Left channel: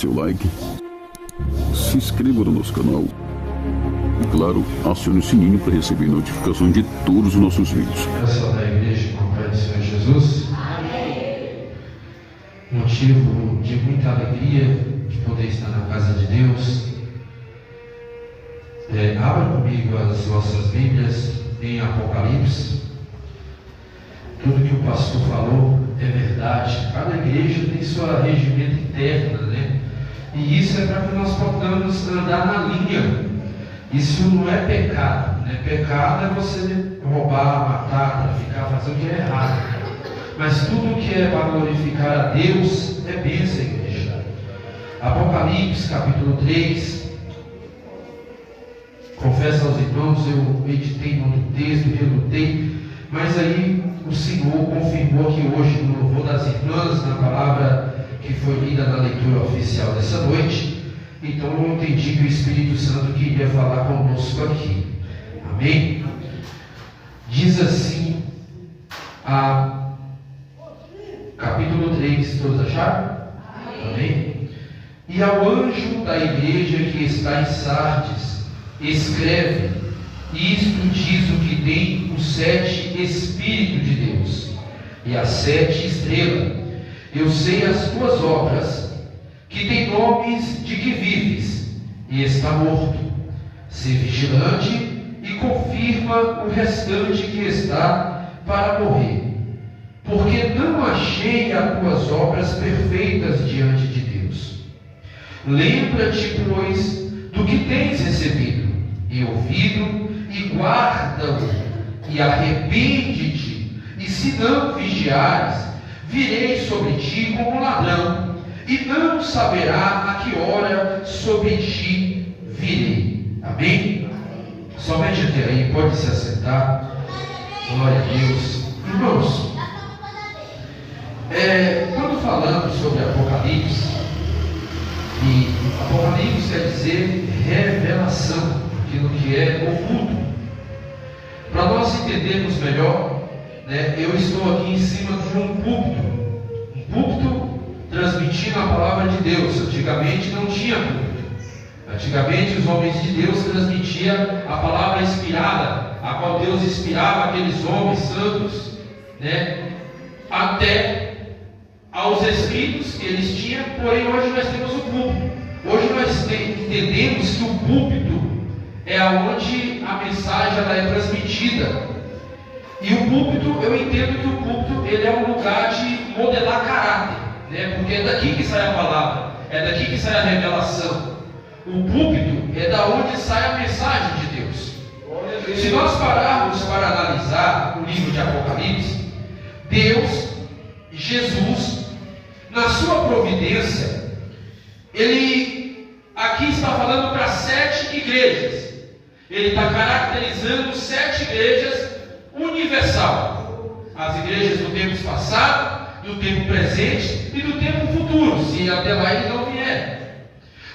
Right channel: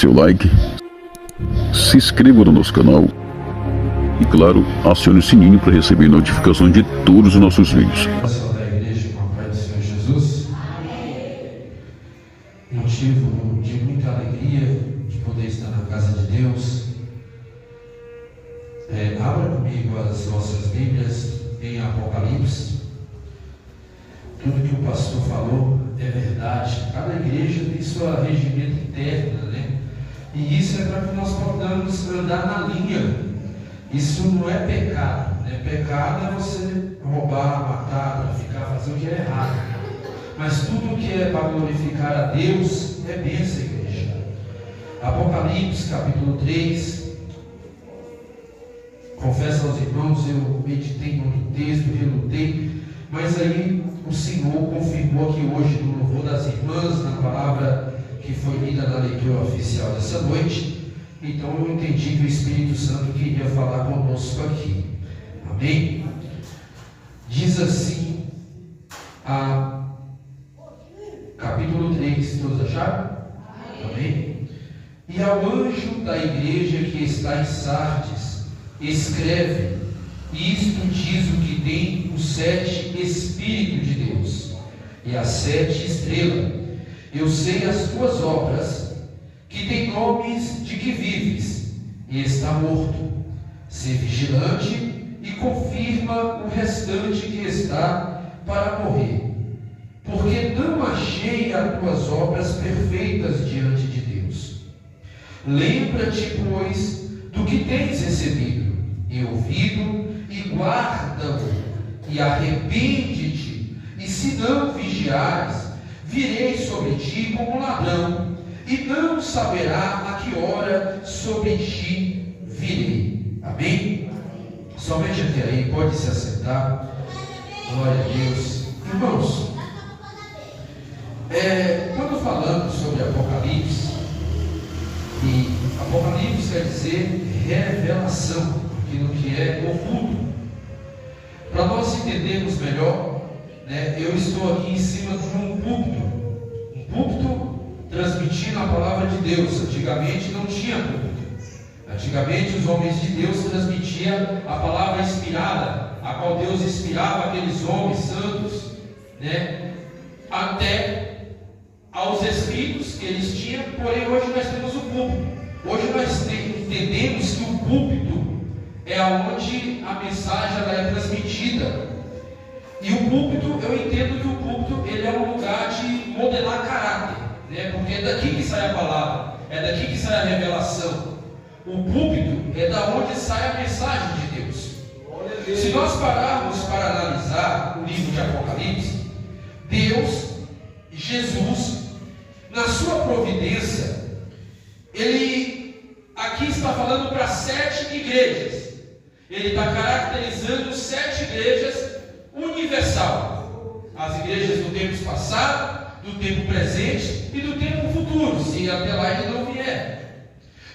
seu like, se inscreva no nosso canal e, claro, acione o sininho para receber notificações de todos os nossos vídeos. Pessoal da igreja, com a paz do Senhor Jesus, motivo de muita alegria de poder estar na casa de Deus. Abra comigo as vossas Bíblias em Apocalipse. Tudo que o pastor falou é verdade. Cada igreja tem sua regimento interna, né? E isso é para que nós possamos andar na linha. Isso não é pecado, né? Pecado é você roubar, matar, traficar, fazer o que é errado. Mas tudo que é para glorificar a Deus é bênção, igreja. Apocalipse, capítulo 3. Confesso aos irmãos, eu meditei no texto, relutei, mas aí o Senhor confirmou aqui hoje no louvor das irmãs, na palavra que foi lida na leitura oficial dessa noite. Então eu entendi que o Espírito Santo queria falar conosco aqui. Amém? Diz assim, capítulo 3, todos acharam? Amém? E ao anjo da igreja que está em Sardes, escreve: isto diz o que tem os 7 Espíritos de Deus e as 7 estrelas. Eu sei as tuas obras, que tem nomes de que vives e está morto. Sê vigilante e confirma o restante que está para morrer, porque não achei as tuas obras perfeitas diante de Deus. Lembra-te, pois, do que tens recebido e ouvido, e guarda-o, e arrepende-te, e se não vigiares, virei sobre ti como ladrão, e não saberá a que hora sobre ti virei. Amém? Somente até aí, pode se assentar. Glória a Deus. Irmãos, quando falamos sobre Apocalipse, e Apocalipse quer dizer revelação, aquilo que é oculto. Para nós entendermos melhor, né, eu estou aqui em cima de um púlpito transmitindo a palavra de Deus. Antigamente não tinha púlpito. Antigamente os homens de Deus transmitiam a palavra inspirada, a qual Deus inspirava aqueles homens santos, né, até aos escritos que eles tinham. Porém hoje nós temos o púlpito. Hoje nós entendemos que o púlpito é onde a mensagem ela é transmitida. E o púlpito, eu entendo que o púlpito ele é um lugar de modelar caráter, né? Porque é daqui que sai a palavra, é daqui que sai a revelação. O púlpito é da onde sai a mensagem de Deus. Se nós pararmos para analisar o livro de Apocalipse, Deus, Jesus, na sua providência, Ele aqui está falando para 7 igrejas. Ele está caracterizando 7 igrejas universal. As igrejas do tempo passado, do tempo presente e do tempo futuro, se até lá ele não vier.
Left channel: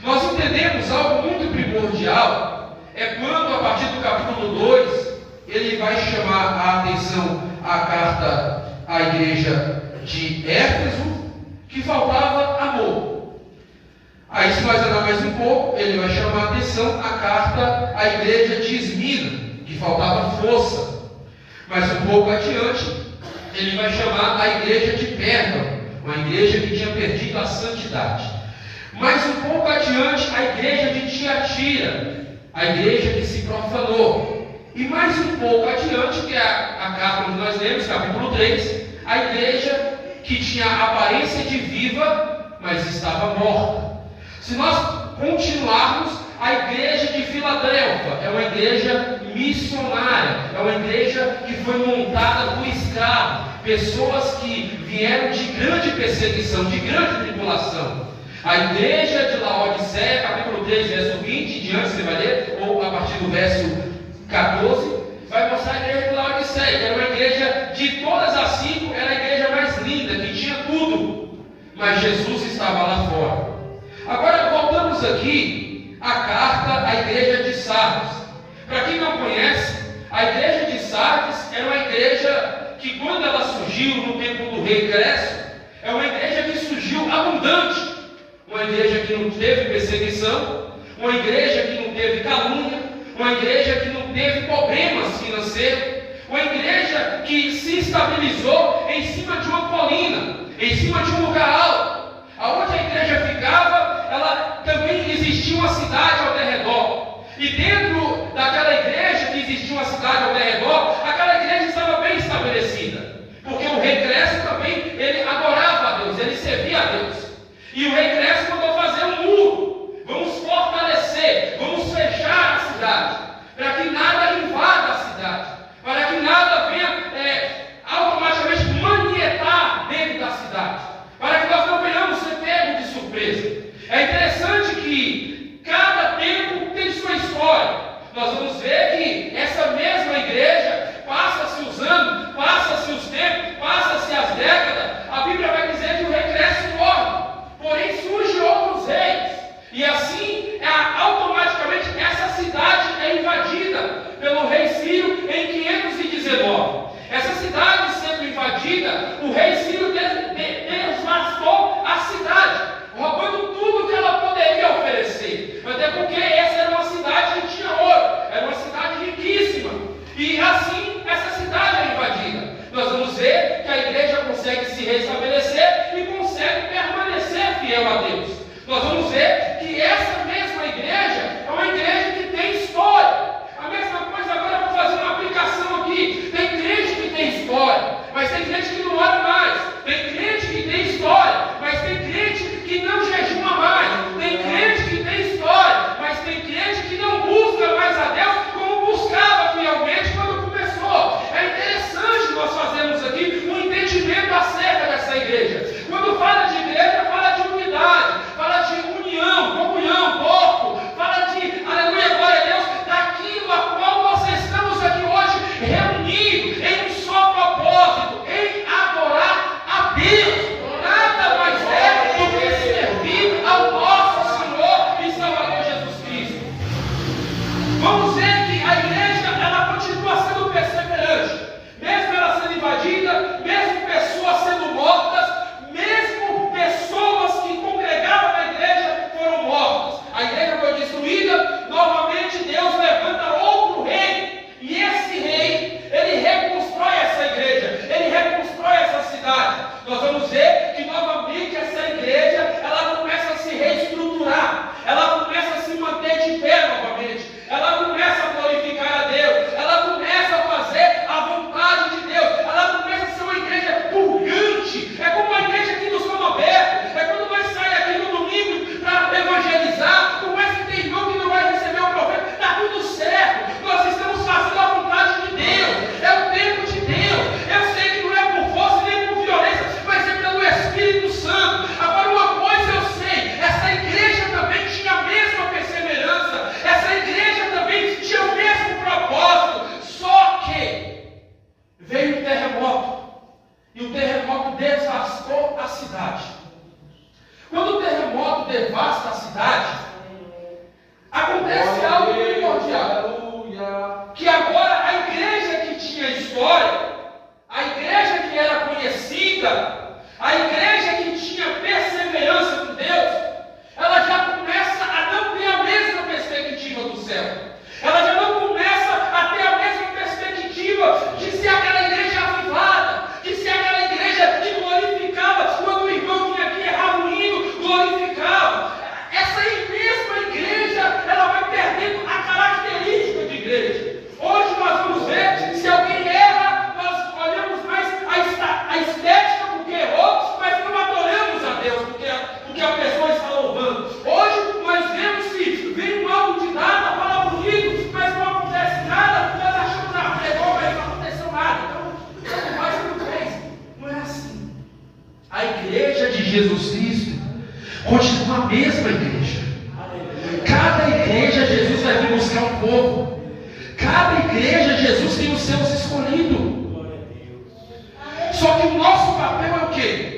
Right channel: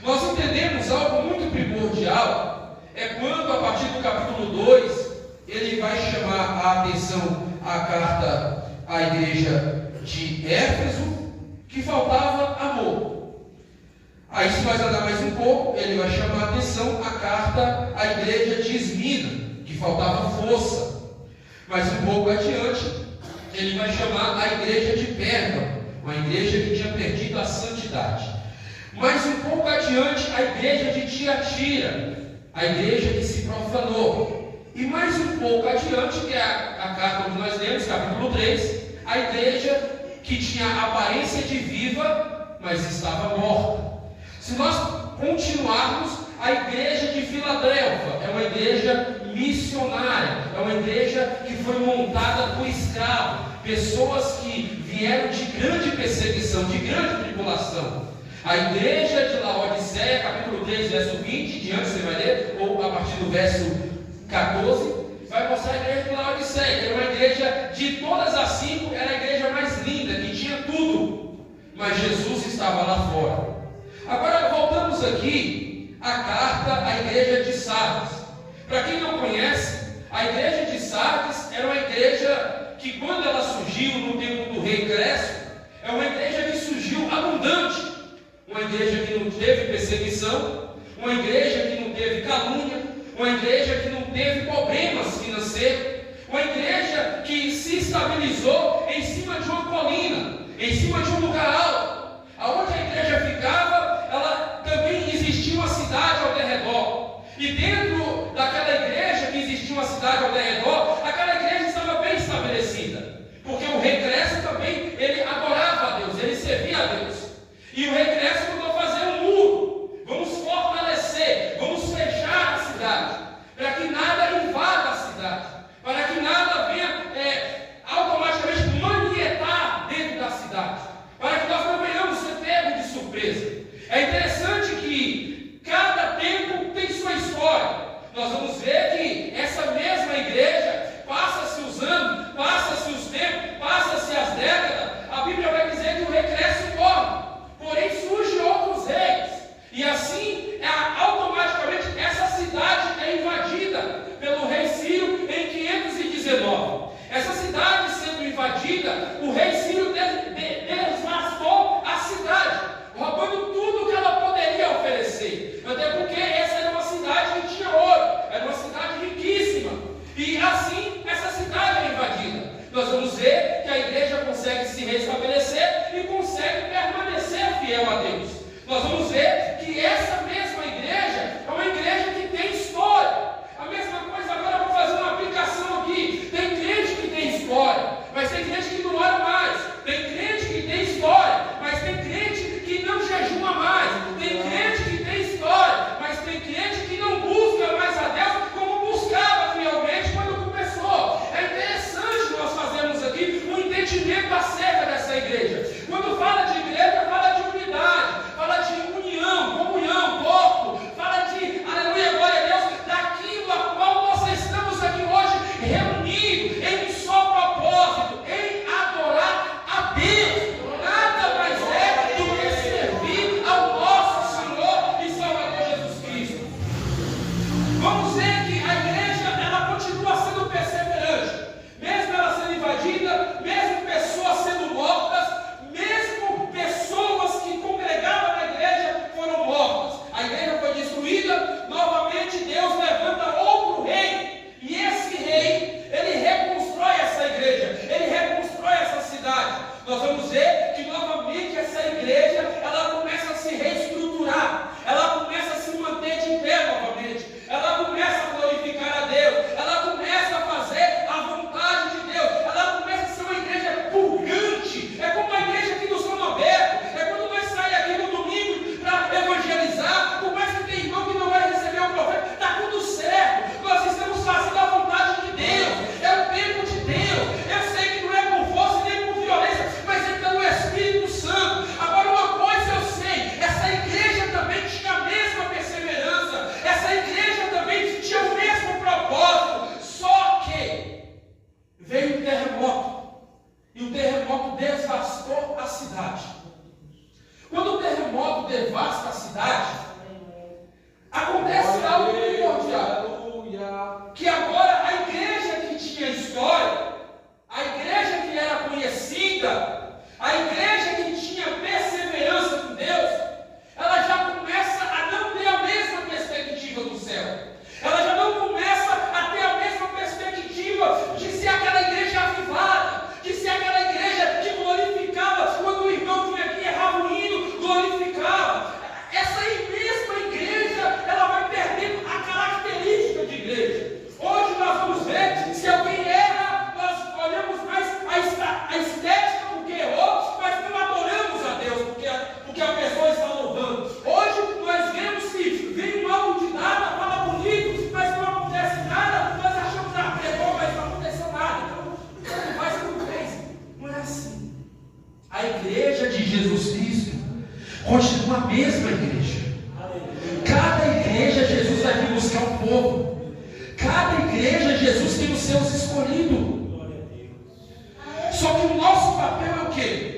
Nós entendemos algo muito primordial, é quando a partir do capítulo 2, ele vai chamar a atenção à carta à igreja de Éfeso, que faltava amor. Aí, se nós andar mais um pouco, ele vai chamar a atenção à carta à igreja de Esmina, que faltava força. Mais um pouco adiante, ele vai chamar a igreja de Pérgamo, uma igreja que tinha perdido a santidade. Mais um pouco adiante, a igreja de Tiatira, a igreja que se profanou. E mais um pouco adiante, que é a carta onde nós lemos, capítulo 3, a igreja que tinha aparência de viva, mas estava morta. Se nós continuarmos, a igreja de Filadélfia é uma igreja missionária, é uma igreja que foi montada por escravos, pessoas que vieram de grande perseguição, de grande tribulação. A igreja de Laodiceia, capítulo 3, verso 20, em diante você vai ler, ou a partir do verso 14, vai mostrar a igreja de Laodiceia, que era uma igreja de todas as 5, era a igreja mais linda, que tinha tudo, mas Jesus estava lá fora. Agora voltamos aqui à carta à igreja de Sardes. Para quem não conhece, a igreja de Sardes era uma igreja que, quando ela surgiu no tempo do rei Crespo, é uma igreja que surgiu abundante, uma igreja que não teve perseguição, uma igreja que não teve calúnia, uma igreja que não teve problemas financeiros, uma igreja que se estabilizou em cima de uma colina, em cima de um lugar alto. Aonde a igreja ficava, ela também existia uma cidade ao redor. E dentro daquela igreja que existia uma cidade ao redor, aquela igreja estava bem estabelecida. Porque o rei Crécio também, ele adorava a Deus, ele servia a Deus. E o rei Crécio mandou fazer um muro. Vamos fortalecer, vamos fechar a cidade, para que nada invada a cidade, para que nada venha automaticamente manietar dentro da cidade, para que nós não venhamos ser pegos de surpresa. É interessante que cada tempo tem sua história. Nós vamos ver que essa mesma igreja passa-se os anos, passa-se os tempos, passa-se as décadas. A Bíblia vai dizer que o rei Crécio morre, porém surgem outros reis, e assim automaticamente essa cidade é invadida pelo rei Ciro em 519. Essa cidade sendo invadida, o rei Ciro devastou a cidade, roubando tudo que ela poderia oferecer, até porque essa era uma cidade que tinha ouro, era uma cidade riquíssima, e assim essa cidade é invadida. Nós vamos ver que a igreja consegue se restabelecer e consegue permanecer fiel a Deus. Nós vamos ver que essa mesma igreja é uma igreja que tem história. A mesma coisa, agora eu vou fazer uma aplicação aqui. Tem crente que tem história, mas tem crente que não ora mais. Tem crente que tem história, mas tem crente que não jejuma mais. Tem crente que tem história, mas tem crente que não busca mais a Deus como buscava fielmente quando começou. É interessante nós fazermos aqui um entendimento acerca dessa igreja. Quando fala de igreja, fala de unidade, fala de união, comunhão, corpo, fala de, aleluia, glória a Deus, daquilo a qual nós estamos aqui hoje reunidos em um só propósito, em adorar a Deus. Nada mais é do que servir ao nosso Senhor e Salvador Jesus Cristo. Vamos ver que a igreja, ela continua sendo perseverante, mesmo ela sendo invadida, mesmo pessoas sendo mortas, mesmo pessoas que congregavam na igreja foram mortas. A igreja foi destruída, novamente Deus levanta outro rei, e esse rei, ele reconstrói essa igreja, ele reconstrói essa cidade. Nós vamos ver que novamente essa igreja, ela começa a se reestruturar, ela começa a se manter de pé novamente, ela começa a glorificar a Deus, ela começa a fazer a vontade de Deus, ela começa a ser uma igreja purgante. É como a igreja aqui no Sono Aberto, é quando nós saímos aqui no domingo para evangelizar, por mais que tem irmão que não vai receber o profeta, está tudo certo, nós estamos fazendo a vontade de Deus, é o tempo de Deus. Eu sei que não é por força nem por violência, mas é pelo Espírito Santo. Agora, uma coisa eu sei, essa igreja também tinha a mesma perseverança, essa igreja também tinha o mesmo propósito, só que veio um terremoto, e o terremoto devastou a cidade. Quando o terremoto devasta a cidade, acontece algo primordial, que agora a igreja que tinha história, a igreja que era conhecida, a igreja que tinha perseverança com Deus, ela já começa a não ter a mesma perspectiva do céu. Ela já não começa a ter a mesma perspectiva de ser aquela igreja avivada, de ser aquela igreja que glorificava quando o irmão vinha aqui, errava o hino, glorificava. Essa mesma igreja, ela vai perdendo a característica de igreja. Hoje nós vamos ver, se alguém erra, nós olhamos mais a estética porque errou, mas não adoramos a Deus porque a pessoa está louvando. Hoje nós vemos que vem um autodidata, fala bonito, mas não acontece nada, nós achamos, pregou, mas não aconteceu nada. Então, tanto faz quanto fez. Não é assim. A igreja de Jesus Cristo continua a mesma igreja. Cada igreja Jesus vai vir buscar um povo. Cada igreja Jesus tem os seus escolhidos. Só que o nosso papel é o quê?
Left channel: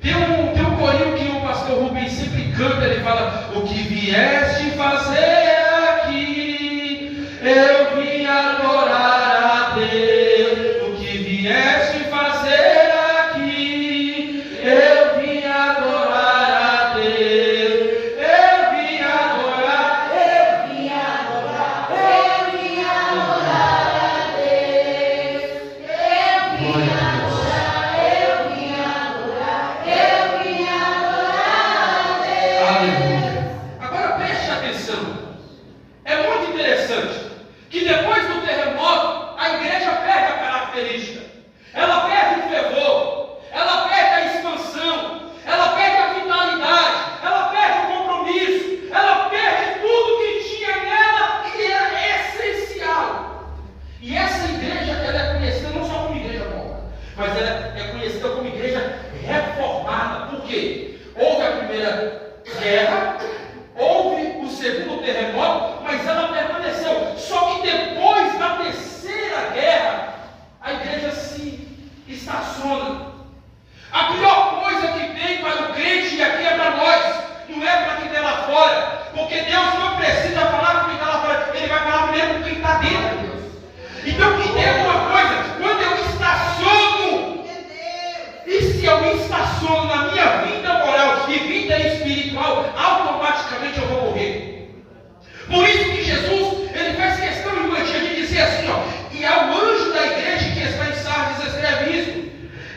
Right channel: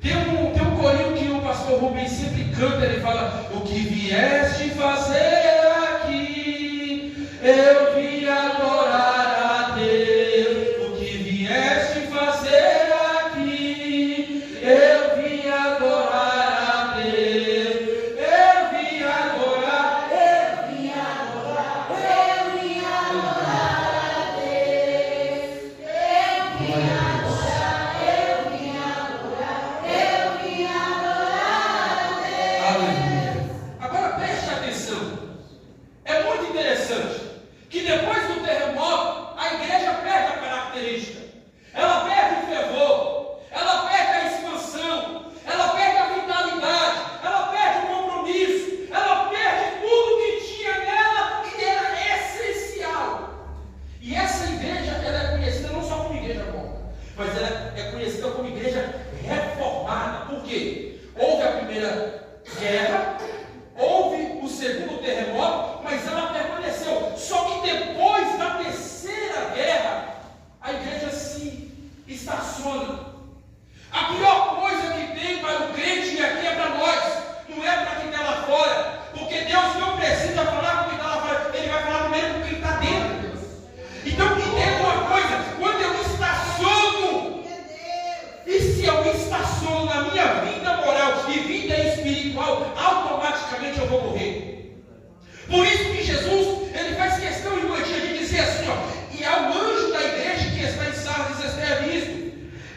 Tem um corinho que o pastor Rubens sempre canta, ele fala: o que vieste fazer aqui, eu vim adorar a Deus. O que vieste fazer aqui, eu vim adorar a Deus. segundo terremoto, mas ela permaneceu. Só que depois da terceira guerra, a igreja se estaciona. A pior coisa que tem para o crente, e aqui é para nós, não é para quem está lá fora, porque Deus não precisa falar com quem está lá fora, Ele vai falar primeiro com quem está dentro. Então, que tem alguma coisa, quando eu estaciono, e se eu estaciono na minha vida moral e vida espiritual, automaticamente eu vou morrer. Por isso que Jesus, ele faz questão de dizer assim, e ao anjo da igreja que está em Sardes escreve isso,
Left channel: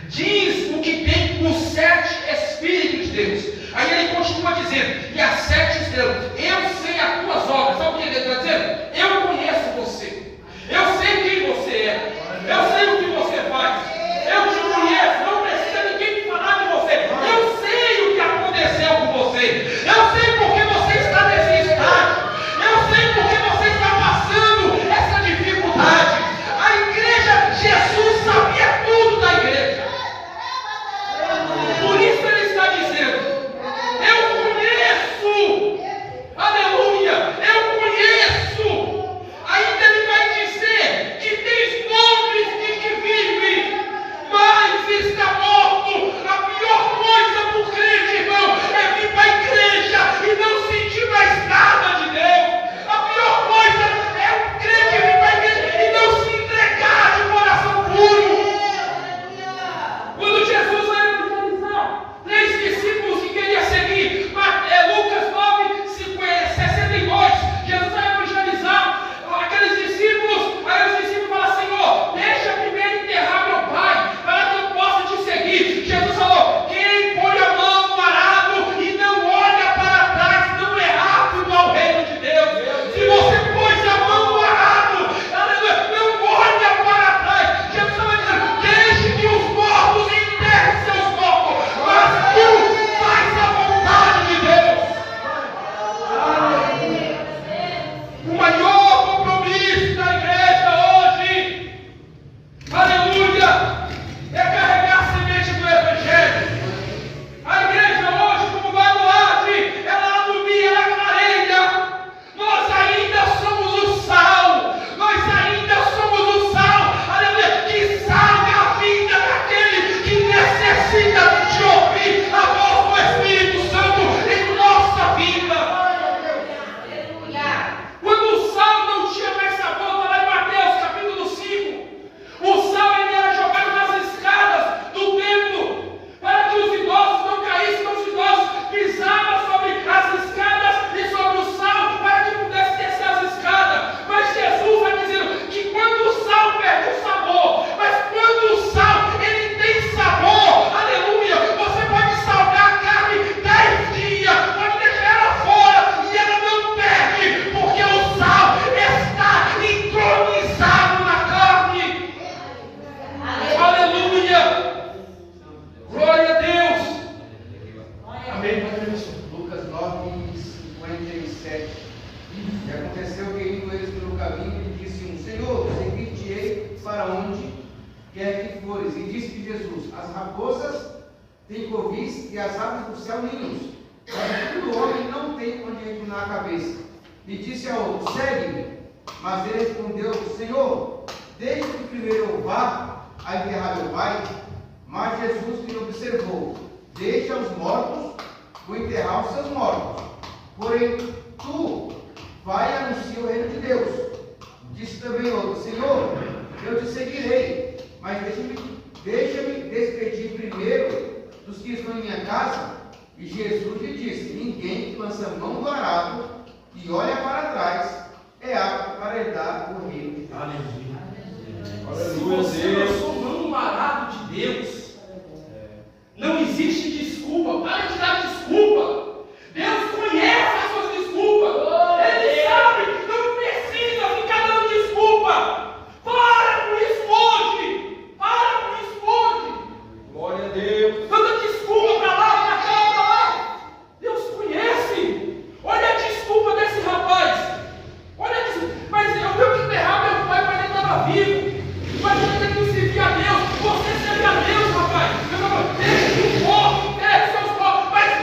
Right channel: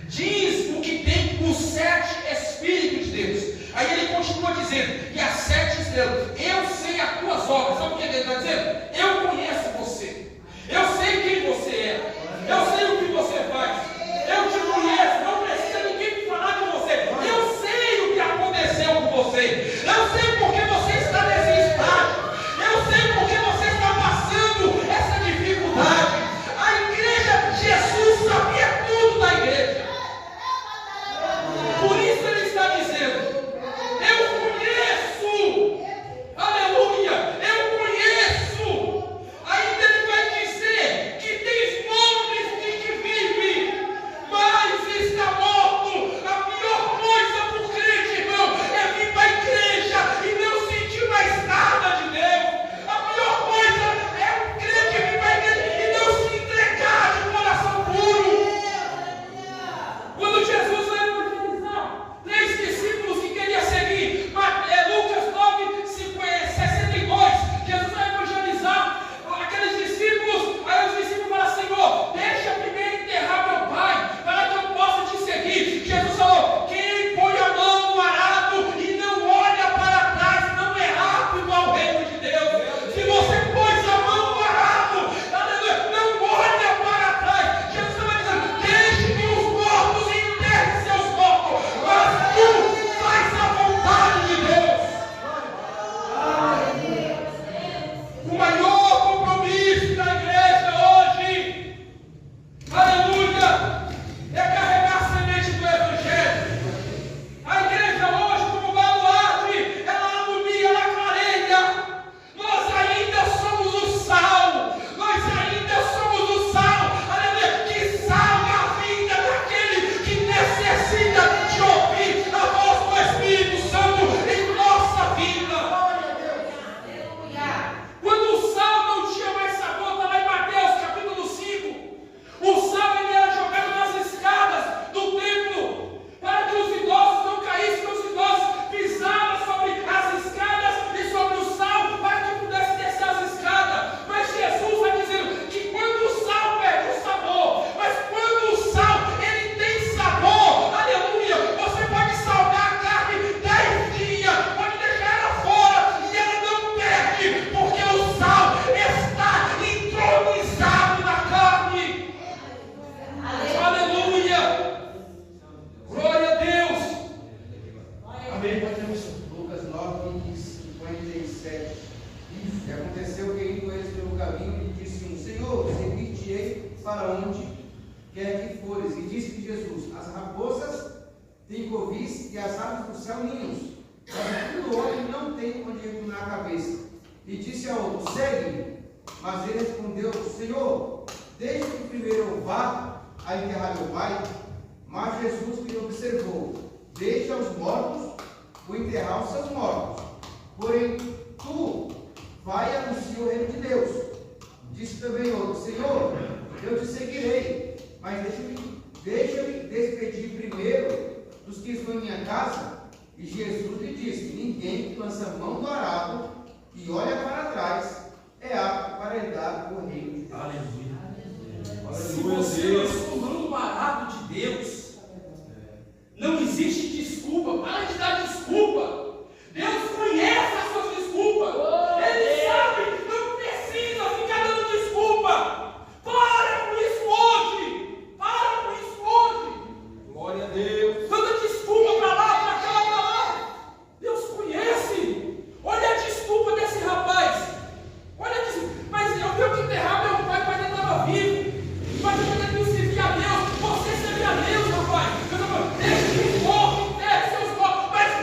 diz o que tem os 7 Espíritos de Deus. Aí ele continua dizendo, e as 7 estrelas, eu sei as tuas obras. Sabe o que ele está dizendo? Eu conheço você, eu sei quem você é, eu sei o que você faz, eu te conheço, não precisa ninguém me falar de você, eu sei o que aconteceu com você, eu sei porque você está nesse estágio, eu sei porque você está passando essa dificuldade. A igreja, Jesus sabia tudo da igreja, por isso ele está dizendo, eu conheço, aleluia, eu conheço. Ainda ele vai dizer que tem nomes de que vive, mas está morto. A pior coisa para o crente, irmão, é vir para a igreja e não sentir mais nada de Deus. A pior coisa é o crente vir para a igreja e não se entregar de coração puro. Quando Jesus vai evangelizar 3 discípulos que queriam seguir, Lucas 9, 62, Jesus vai evangelizar aqueles discípulos, aí os discípulos falam, Senhor, deixa primeiro enterrar meu pai, para que eu possa te seguir. Jesus falou, quem põe a mão no arado e não olha para trás, não é rápido ao reino de Deus. Se você pôs a mão no arado, aleluia, não olha para trás. Jesus estava dizendo, deixe que os mortos enterrem seus mortos, mas tu faz a vontade de Deus. O maior compromisso da igreja hoje, aleluia, é carregar a semente do Evangelho. A igreja hoje, como baluarte, ela alumia, ela clareia. Nós ainda somos o sal, nós ainda somos o sal, aleluia, que salga a vida daquele que necessita de ouvir a voz do Espírito Santo em nossa vida. Quando o sal não tinha mais sabor, está lá em Mateus capítulo 5, o sal ele era jogado nas escadas do templo, para que os idosos não caíssem, os idosos pisavam sobre as escadas e sobre o sal, para que pudesse descer as escadas. Mas Jesus vai dizendo que quando o sal perde o sabor, mas quando o sal ele tem sabor, aleluia, você pode salgar a carne 10 dias, pode deixar ela fora e ela não perde, porque o sal está entronizado na carne. Aleluia! Glória a Deus! Amém. Lucas 9, 57. E aconteceu que indo eles pelo caminho, lhe disse um, Senhor, seguir-te-ei para onde quer que fores. E disse-lhe Jesus, as raposas têm covis e as aves do céu ninhos, mas o filho do homem não tem onde reclinar a cabeça. E disse a outro, segue-me. Mas ele respondeu, Senhor, deixa que primeiro eu vá a enterrar meu pai. Mas Jesus lhe observou, deixa os mortos vou enterrar os seus mortos. Porém, tu vai e anuncia o reino de Deus. Disse também outro, Senhor, eu te seguirei, mas deixa-me despedir primeiro dos que estão em minha casa. E Jesus lhe disse, ninguém que lança a mão no arado e olha para trás é apto para herdar o reino de Deus. Aleluia. Se você lançou mão no arado de Deus, não existe desculpa. Para de dar desculpa. Deus conhece as suas desculpas. Ele sabe, não precisa ficar dando desculpa. Para com isso hoje. Para com isso hoje. Glória a Deus. Tanta desculpa para lá, para cá, para lá. Deus conhece. Olha a desculpa desse rapaz. Olha a desculpa. Mas eu tenho que enterrar meu pai, mas ele estava vivo. Mas eu tenho que servir a Deus. Você serve a Deus, rapaz. Deixa que o corpo enterre seus corpos. Mas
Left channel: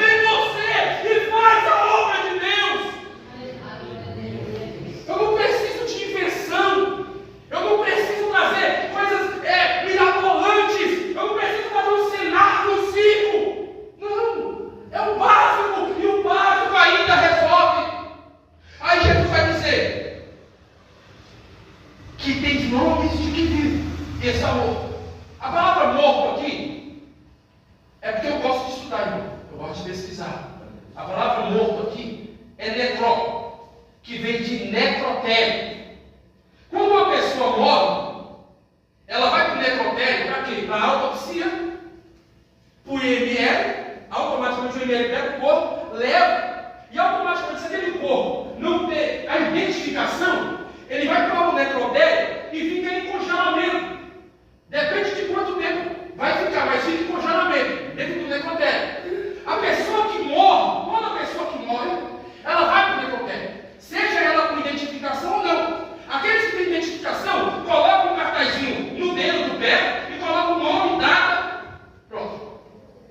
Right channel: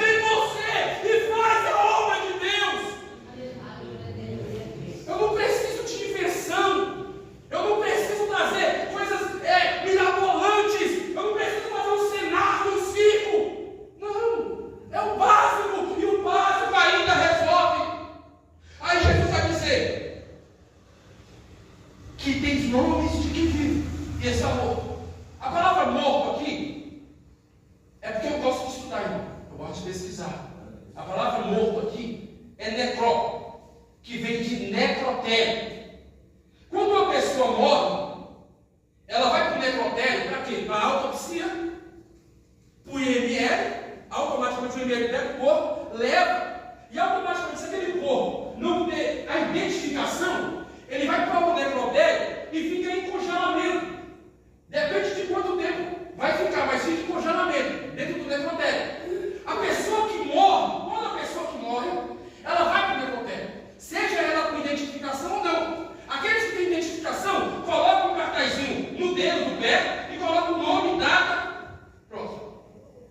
necró, que vem de necrotério. Quando uma pessoa morre, ela vai para o necrotério para quê? Para a autopsia, para o IML, automaticamente o IML pega o corpo, leva, e automaticamente, se aquele corpo não ter a identificação, ele vai para o necrotério e fica em congelamento. Depende de quanto tempo vai ficar, mas fica em congelamento dentro do necrotério. A pessoa que morre, quando a pessoa que morre, ela vai para o necrotério, seja ela com identificação ou não. Aqueles que têm identificação, colocam um cartazinho no dedo do pé e colocam o nome, data, pronto.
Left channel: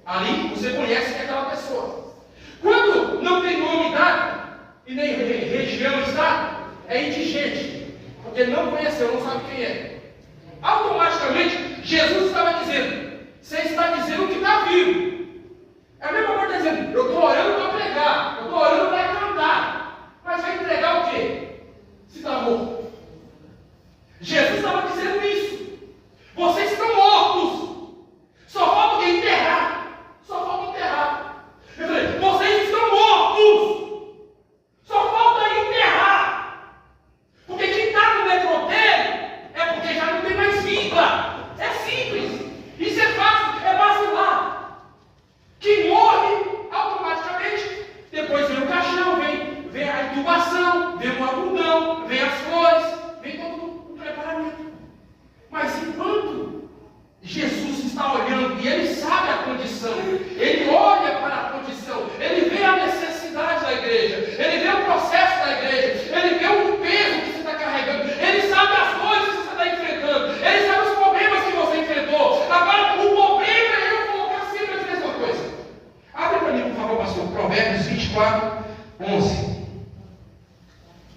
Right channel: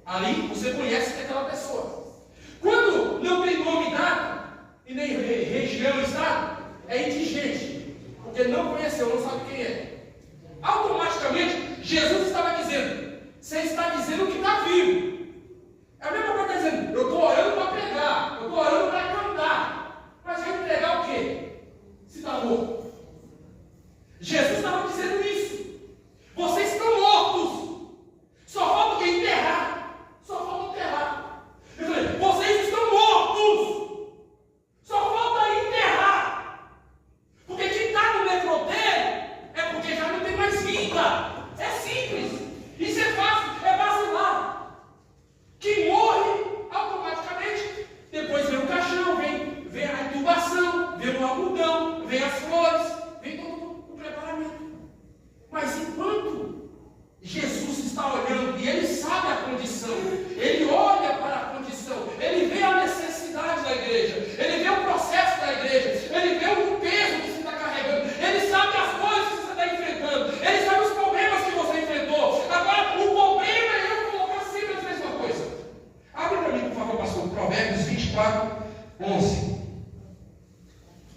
Ali você conhece que é aquela pessoa. Quando não tem nome, data, e nem região, estado, é indigente, porque não conheceu, não sabe quem é. Automaticamente, Jesus estava dizendo, você está dizendo que está vivo. É a mesma coisa que está dizendo, eu estou orando para pregar, eu estou orando para cantar, mas vai entregar o quê? Se está morto. Jesus estava dizendo isso. Vocês estão mortos. Só falta o que? Enterrar. Só falta enterrar. Eu falei, vocês estão mortos. Só falta enterrar. Porque quem está no necrotério é porque já não tem mais vida. É simples. Isso é fácil, é vacilar. Quem morre, automaticamente, depois vem o caixão, vem a intubação, vem o algodão, vem as flores, vem todo o preparamento. Mas enquanto Jesus está olhando e ele sabe a condição, ele olha para a condição, ele vê a necessidade da igreja, ele vê o processo da igreja, ele vê o peso que você está carregando, ele sabe as coisas que você está enfrentando, ele sabe os problemas que você enfrentou. Agora, o problema é eu colocar sempre a mesma coisa. Abre para mim, por favor, pastor, Provérbios 24, 11.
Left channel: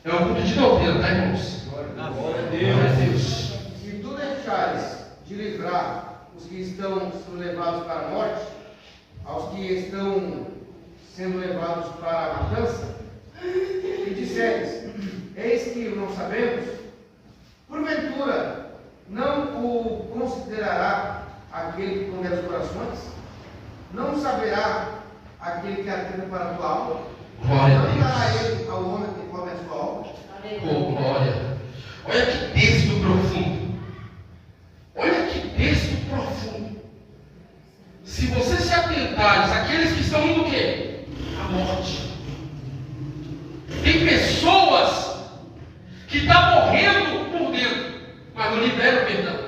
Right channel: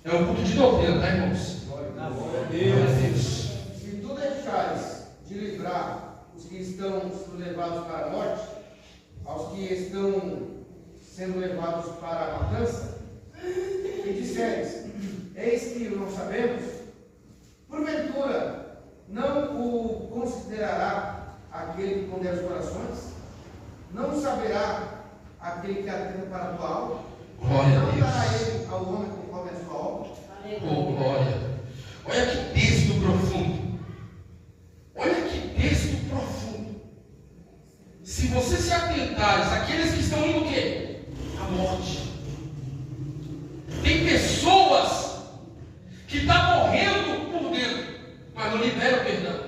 É um culto de doutrina, tá, irmãos? Glória a Deus. Se tu deixares de livrar os que estão sendo levados para a morte, aos que estão sendo levados para a matança, e disseres, eis que não sabemos, porventura não o considerará aquele que pondera os corações? Não saberá aquele que atenta para a tua alma? Glória a Não dará Deus. ele ao homem conforme a sua obra? Oh, glória. Olha que texto profundo. Olha que texto profundo. Se você se atentares àqueles que estão indo o quê? À morte. Tem pessoas que estão morrendo por dentro, mas não liberam o perdão.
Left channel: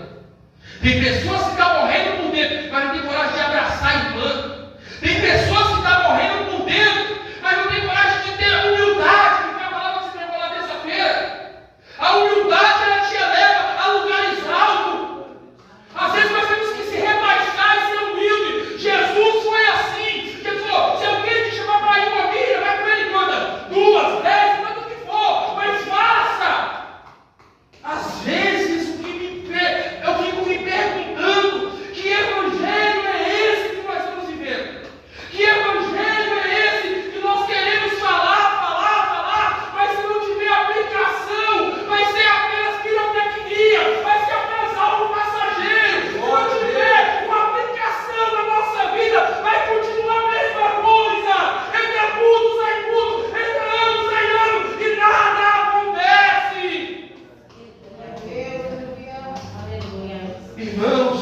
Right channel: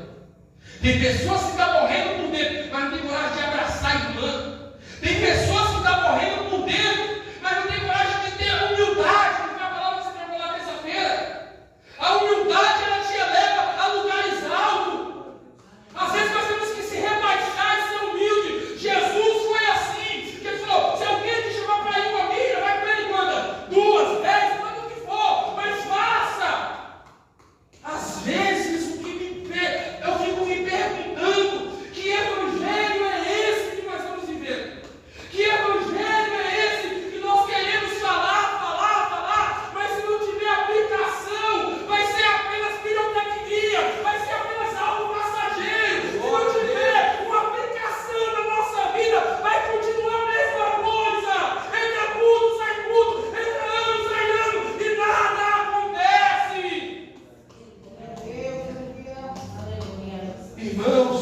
Tem pessoas que estão morrendo por dentro, mas não tem coragem de abraçar a irmã. Tem pessoas que estão morrendo por dentro, mas não tem coragem de ter humildade, que foi a palavra que você pregou na terça-feira. A humildade, ela te eleva a lugares altos. Às vezes nós temos que se rebaixar e ser humilde. Jesus foi assim. Jesus falou, se alguém te chamar para ir uma milha, vai com ele quantas? 2, 10, quanto que for, mas faça. Às vezes eu fico me perguntando, que evangelho é esse que nós estamos vivendo? Que evangelho é esse que nós queremos falar, mas se não tiver aplicação, vai ser apenas pirotecnia, vai ser apenas algo passageiro. Se não tiver uma aplicação na nossa vida, vai continuar a mesma coisa. Entra culto, sai culto, entra ano, sai ano, e nada acontece. Irmãos,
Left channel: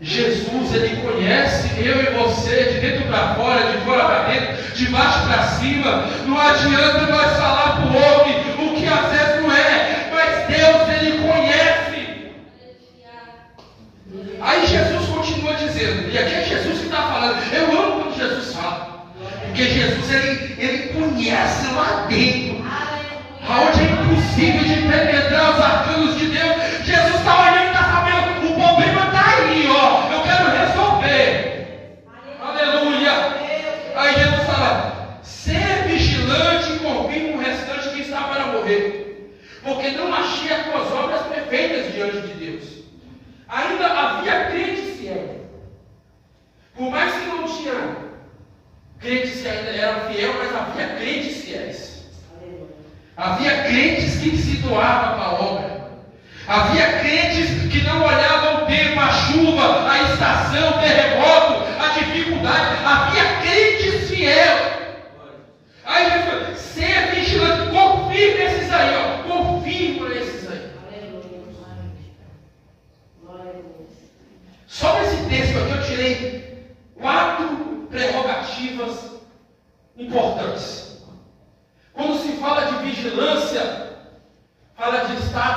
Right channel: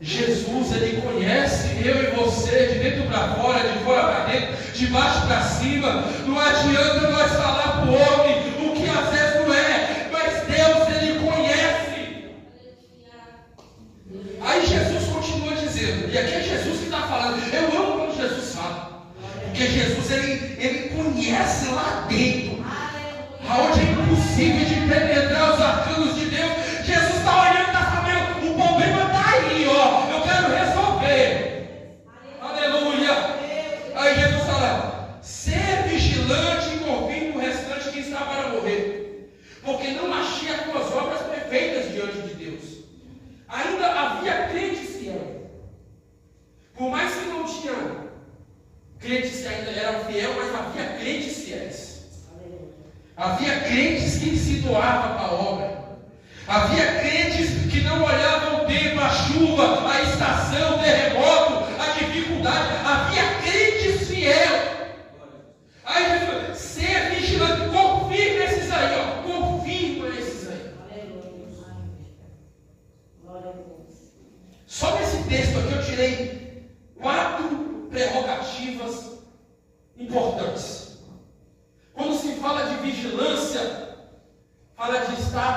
Jesus, ele conhece eu e você de dentro para fora, de fora para dentro, de baixo para cima. Não adianta nós falar para o homem o que às vezes não é, mas Deus, ele conhece. Aí Jesus continua dizendo, e aqui é Jesus que está falando. Eu amo quando Jesus fala, porque Jesus, ele conhece lá dentro, aonde é impossível de penetrar os arcanos de Deus. Jesus está olhando e está sabendo, o problema está aí, ó, eu quero resolver. Aleluia. Aí Jesus fala, ser vigilante e confirme o restante que está para morrer, porque não achei as tuas obras perfeitas diante de Deus. Ainda havia crentes fiéis, por mais que não tinha crentes que ainda eram fiéis, mas havia crentes fiéis. Havia crentes que se doavam para a obra. Havia crentes que não olhavam o tempo, a chuva, a estação, o terremoto, a dificuldade. Havia crentes fiéis.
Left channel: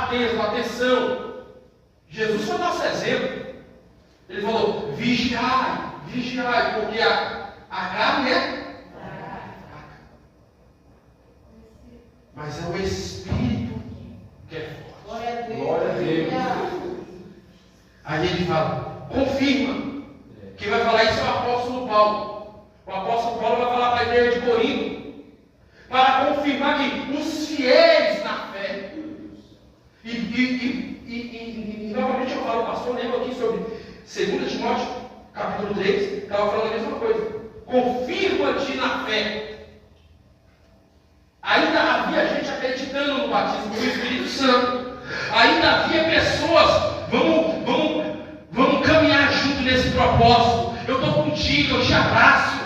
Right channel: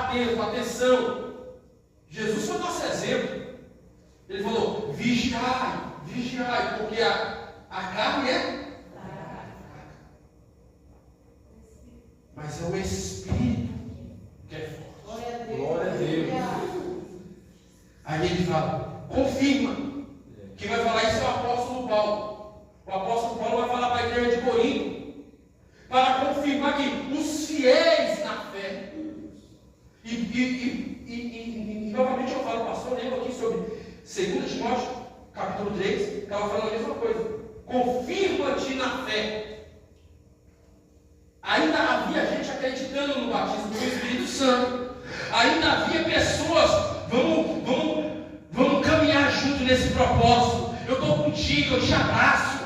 atento, atenção. Jesus foi nosso exemplo. Ele falou, vigiai, vigiai, porque a carne é fraca. Mas é o Espírito que é forte. Glória a Deus. Aí ele fala, confirma. Quem vai falar isso é o apóstolo Paulo. O apóstolo Paulo vai falar para a igreja de Corinto, para confirmar que os fiéis na fé, e novamente eu falo, pastor, lembra aqui sobre 2 Timóteo, capítulo 3, estava falando a mesma coisa. Confirma-te na fé. Ainda havia gente acreditando no batismo do Espírito Santo. Ainda havia pessoas, vamos caminhar junto nesse propósito. Eu estou contigo, eu te abraço.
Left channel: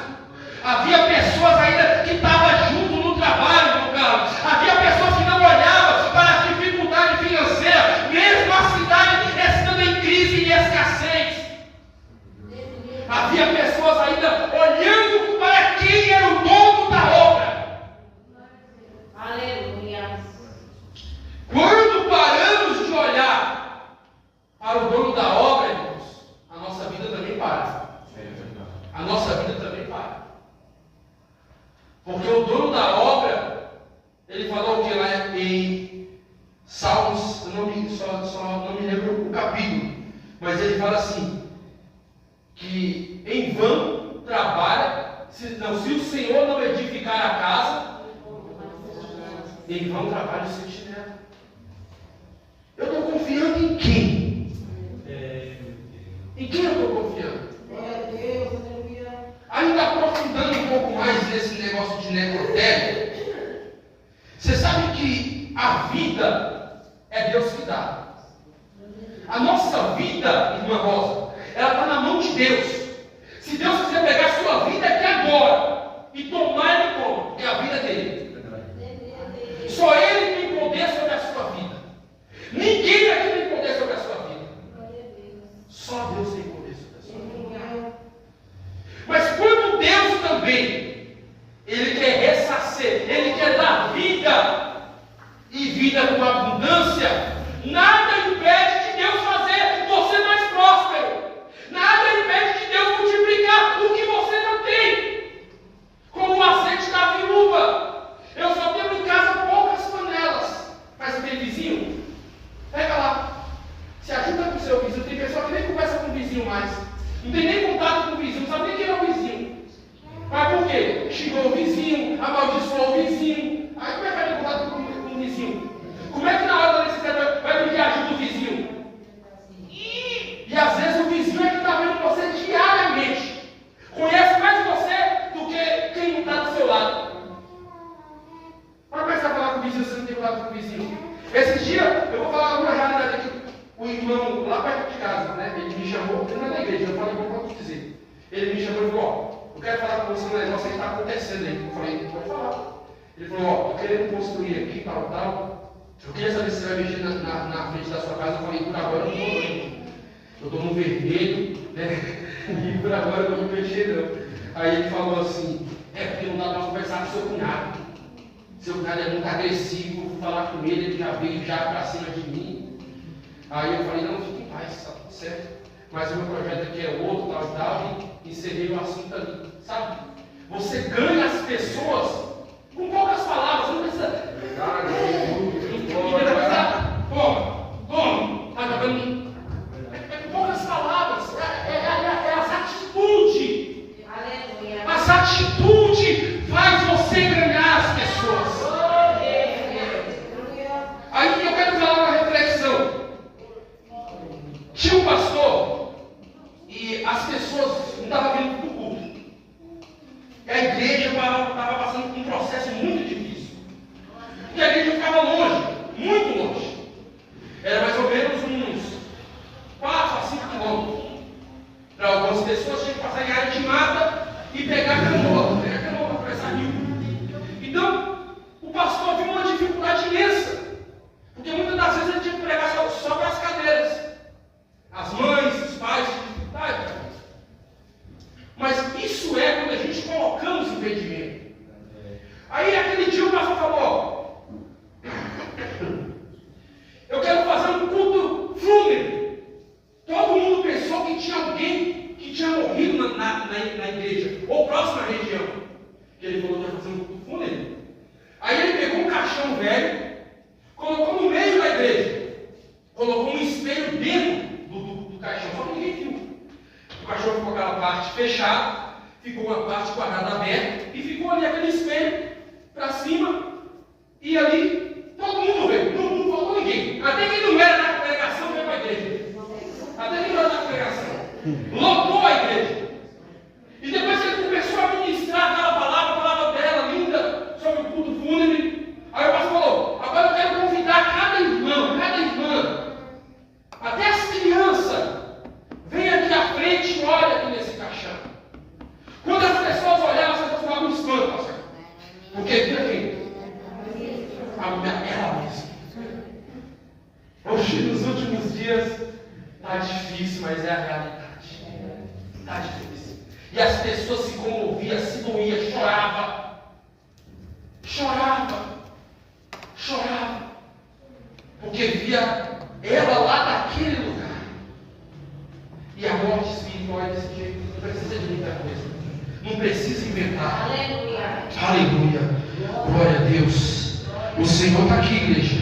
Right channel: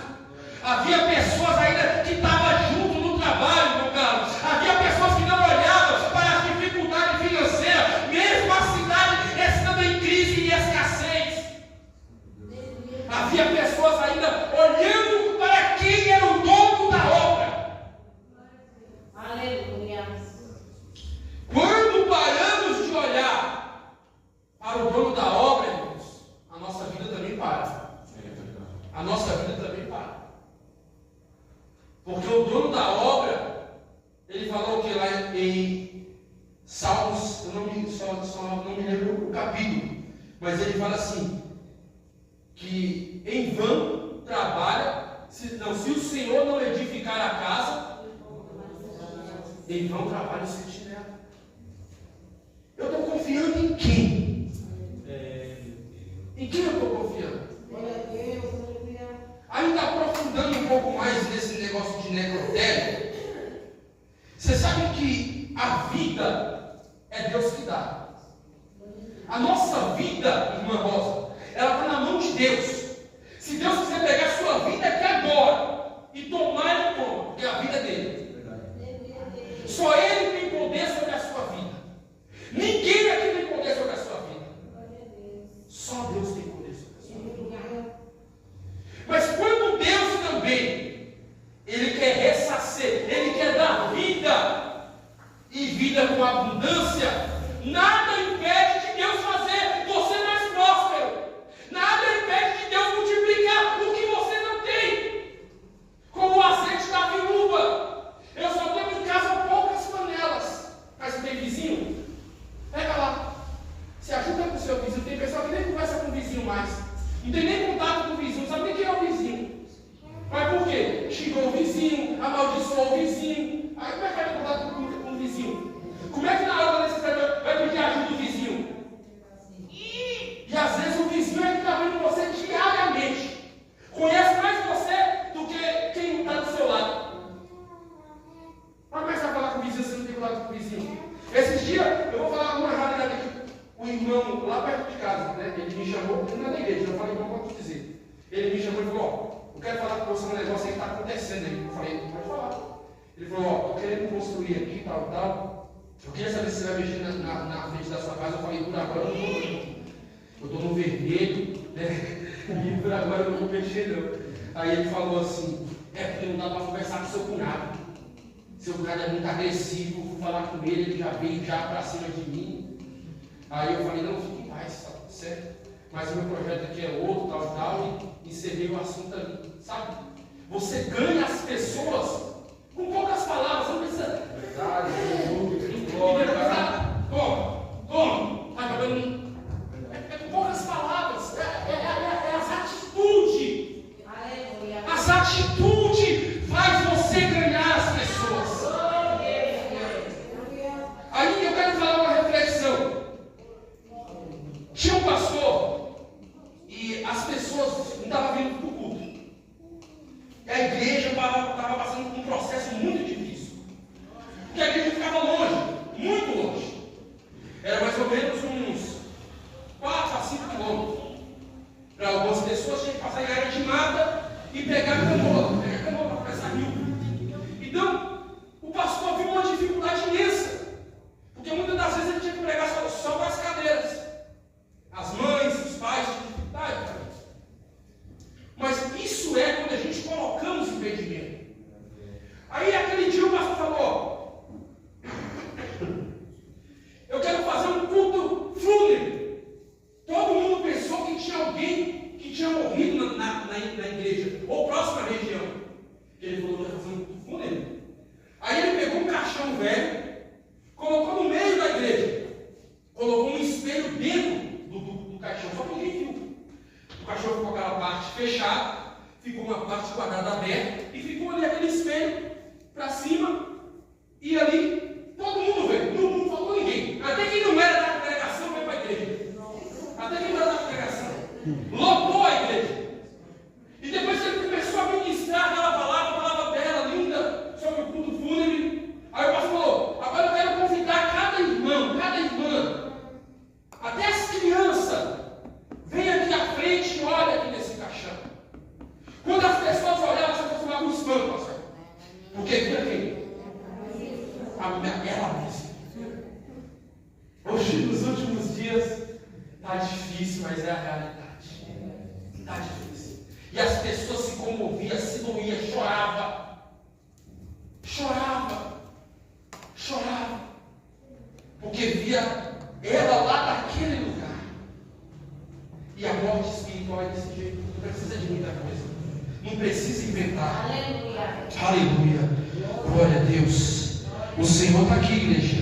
Havia pessoas ainda que estavam junto no trabalho, meu caro. Havia pessoas que não olhavam para as dificuldades financeiras, mesmo a cidade estando em crise e escassez. Havia pessoas ainda olhando para quem era o dono da obra. Aleluia. Quando paramos de olhar para o dono da obra, irmãos, a nossa vida também para. A nossa vida também para. Porque o dono da obra, ele falou que lá em Salmos, eu não me lembro o capítulo, mas ele fala assim, que em vão trabalha, se o Senhor não edificar a casa, em vão trabalha o sentinela. Eu estou confiando em quem? Em quem eu estou confiando? Ainda aprofundando um pouco mais nesse negócio de necrotério, você sabe que a vida é Deus que dá. A nossa vida, irmã Rosa, ela está na mão de Deus. Se Deus quiser pegar a sua vida aqui agora e tomar, Ele toma, porque a vida é dele. Só Ele tem poder sobre a sua vida. Ninguém aqui tem poder sobre a sua vida. Só Deus tem poder sobre a sua vida. Mas quando Deus também, Ele quer ressarcer, Ele quer dar vida, e vida com abundância, nada impede de Deus fazer você mais próspero. Nada impede de Deus multiplicar o que você não tem. Como o azeite da viúva. Eu só tenho em casa poucas panelas. Mas você tem vizinho? Pega lá. Se ajuda com o seu vizinho. Tem pessoa que nem conversa com o vizinho mais. Não tem nem contato com o vizinho. Não sabe nem quem é o vizinho. Mas por quê? Xingou o vizinho, amaldiçoou o vizinho. Aí como é que vai ter contato com o vizinho? Como é que na hora da necessidade vai pedir ajuda do vizinho? E às vezes o vizinho é que está vendo você diariamente. Conhece mais você do que quem não está do seu lado. Mas como é que você vai falar com o vizinho se você não tem contato com o vizinho? Esses dias eu vou falar uma realidade aqui. O irmão lá perto de casa, né? Ele me chamou, ele não é da igreja, eu falei, como posso dizer? Ele me chamou e falou, ó, eu quero falar com você um negócio aí que está acontecendo aí. Eu falei, pode falar. Ele falou, ó, estou querendo construir aqui, tal. Eu queria saber se você vai mexer na frente da sua casa. Eu falei, por agora eu não vou não. Eu estou no vermelho, né? E por agora eu não vou mexer não. Aí ele falou assim, porque não dá para conversar com seu cunhado. Seu cunhado é muito agressivo, eu fui falar com ele já veio já para cima de mim. Aí eu falei, não, fique em paz, está tudo certo. Mas o meu projeto aqui é outro, tal, e encerrei o assunto ali, sabe? Você ganha as pessoas com poucas palavras, você não precisa. Toma, tá jogando. É com poucas palavras, é as atitudes. Aleluia. As atitudes faz você ganhar as pessoas. Aí eu quero falar uma reflexão. Tinha um pastor e as pessoas não estavam vindo para o culto. A igreja estava passando por um caixão velho, colocou no meio da igreja, colocou um espelho dentro do caixão, só que ninguém viu. O caixão ficou aquela parte fechada, ficou uma parte quadrada aberta, e ficou ali aquele espelho para cima, e ali todo mundo veio, não faltou ninguém. Até quem não era da congregação veio para a igreja. Até quem não era da congregação. Lotou a igreja. E depois que ele começou a ministrar aquela palavra bela, linda, sobre o culto fúnebre, aí o pastor falou: agora eu quero convidar cada irmão, cada irmã, até as crianças, vem aqui à frente e olha aqui nesse caixão. Quando as pessoas olhavam, as pessoas ficavam um espanto, pastor. Porque vira quem? Ela mesma. Hoje, nos últimos dias, está difícil, mas é a realidade. Está difícil. E as pessoas se comoviam, se doíam, choravam. Porque via ela lá naquele lugar. E a morte espiritual é desse jeito. Não precisa de muita coisa. Não precisa inventar. Aleluia. Aleluia. Glória a Deus. O Senhor está aqui, igreja.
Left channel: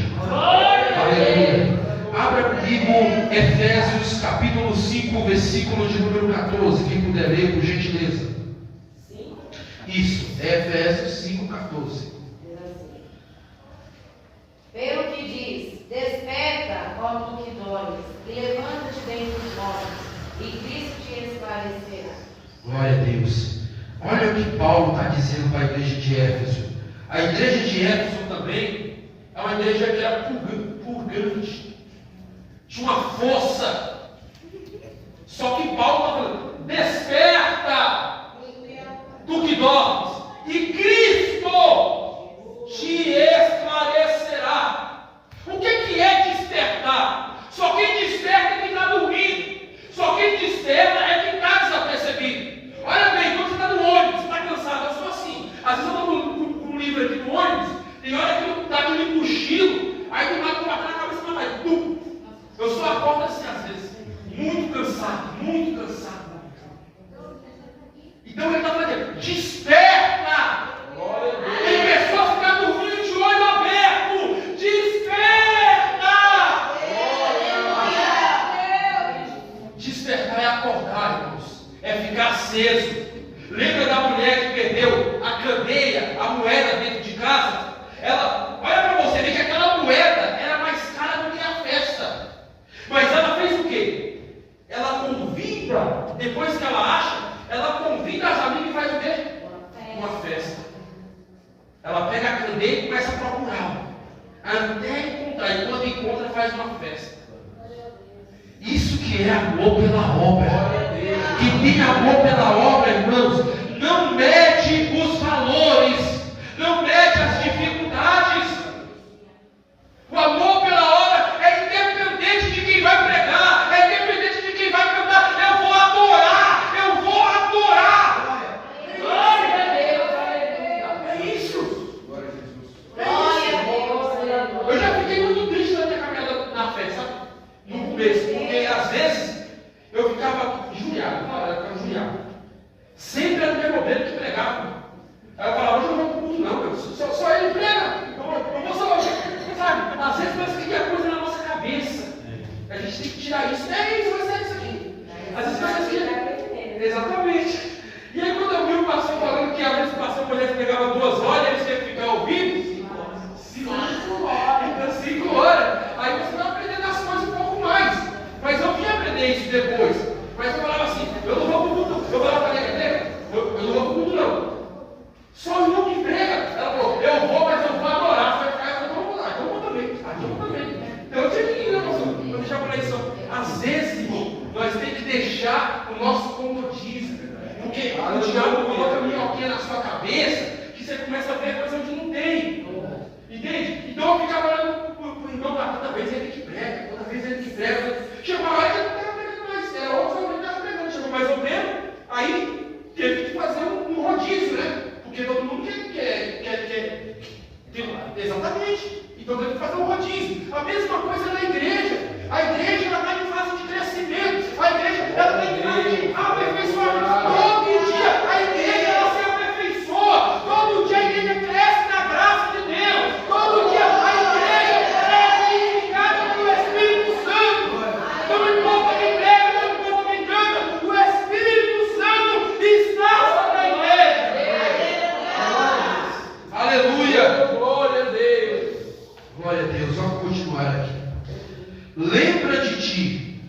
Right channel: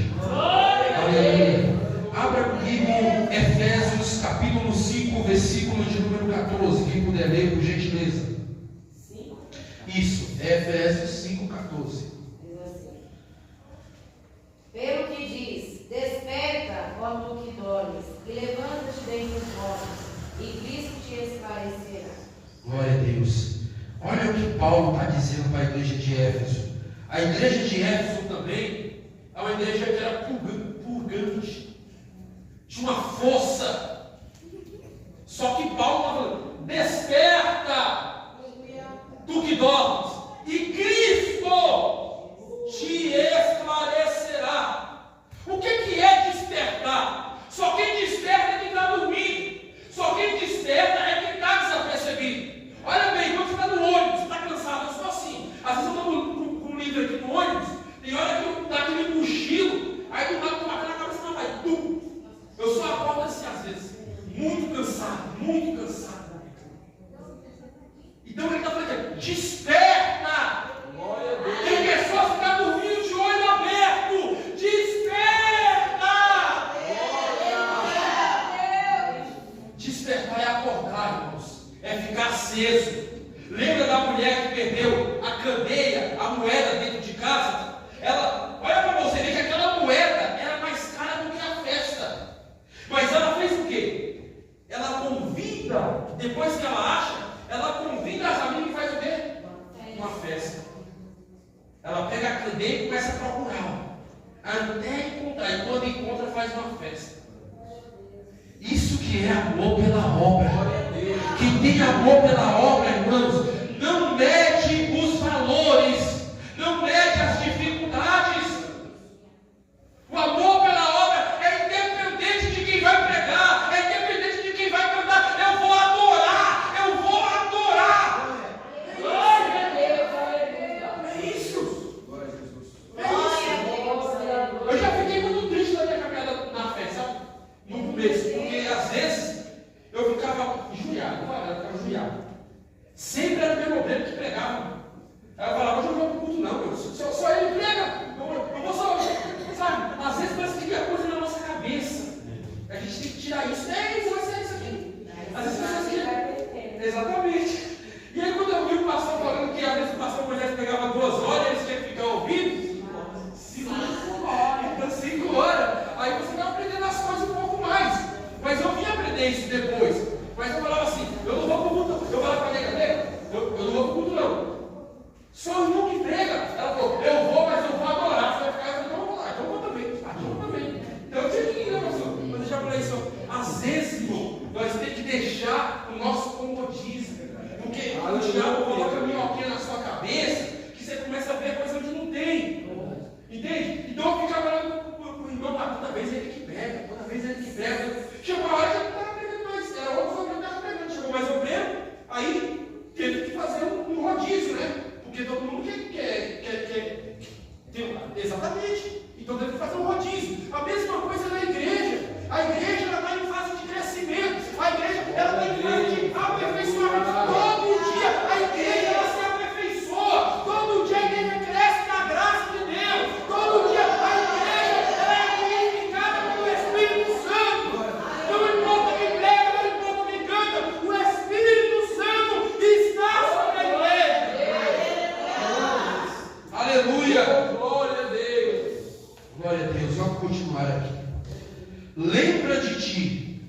Aleluia. Abra comigo Efésios capítulo 5, versículo de número 14. Quem puder ler, por gentileza. Isso, é Efésios 5, 14. Pelo que diz: desperta, ó tu que dormes, e levanta-te dentre os mortos, e Cristo te esclarecerá. Glória a Deus. Olha o que Paulo está dizendo para a igreja de Éfeso. A igreja de Éfeso também é uma igreja que era purgante, tinha uma força. Só que Paulo está falando: desperta, tu que dormes, e Cristo te esclarecerá. O que é despertar? Só quem desperta é quem está dormindo. Só quem desperta é quem está desapercebido. Olha bem, quando você está no ônibus, você está cansado, eu sou assim. Às vezes eu estou com um livro aqui no ônibus, tem hora que está aquele cochilo, aí do lado bater na cabeça não vai. Eu só acordo assim às vezes, muito cansado. Então ele está falando: desperta! Tem pessoas que estão dormindo de olho aberto. Desperta! Despertar é acordar, irmãos. É ficar aceso. Lembra da mulher que perdeu a candeia, a moeda dentro de casa? Ela, olha para você ver que aquela moeda era mais cara do que a festa. Mas ela fez o quê? Ela convida, depois que ela acha, ela convida as amigas e faz o quê? Uma festa. Ela pega a candeia e começa a procurar, até encontrar. E quando encontra, faz uma festa. Isso que é amor pela obra. Quem tem amor pela obra, irmãos, não mede os valores, não mede as dificuldades. O amor pela obra é independente de quem vai pregar, é independente de quem vai cantar. Eu vou adorar. Glória a Deus. É isso. Glória a Jesus. Glória a Deus. Eu já fiquei muito triste na minha caminhada na fé, sabe? No começo, porque às vezes eu ficava injuriado. Sempre era o meu modelo que pregava. Aí eu falava: hoje eu não vou pro culto, não, só ele prega. Eu vou só, sabe? Às vezes parece que a coisa na nossa cabeça. A gente tem que tirar isso. Isso vai ser isso aqui. Às vezes parece que. Exatamente. E aí quando eu vi o pastor falando que às vezes o pastor Moisés pregava 2 horas, eles tinham que ficar ouvindo 5 horas. Então 5 horas. Aí você vai aprendendo as coisas um pouco mais. Mas eu vim aprender isso depois. Mas eu falava assim: eu não vou pro culto. Eu falava para a igreja: eu não vou pro culto, não. Só o irmão que prega. Ela falou: eu vou, mas eu vou adorar. Você vai ficar, então eu vou lá. Então eu vou também. Eu vou também. Então eu tinha que ir, né, pastor? Não deixar por aí só. Às vezes, irmão, nós temos que deixar o nosso comodismo. Porque o diabo coloca minhoquinha na sua cabeça, que você começa a ver coisa onde não tem. Entende? Então eu ficava olhando pro irmão lá, toda vez ele que prega, Chegou uma hora que ele não estava pregando mais, era outro homem que estava pregando. Chegou mais ou menos, aí teve que fazer um rodízio, né? Porque todo mundo quer exatamente. Então teve que fazer um rodízio. A mesma coisa na igreja. A igreja ela está em fase de crescimento. A igreja ela está em fase de aperfeiçoamento. Todo dia a igreja ela se aperfeiçoa. Todo dia a igreja cresce na graça de Deus. Todo Deus, vamos continuar aqui. Lembra de ti,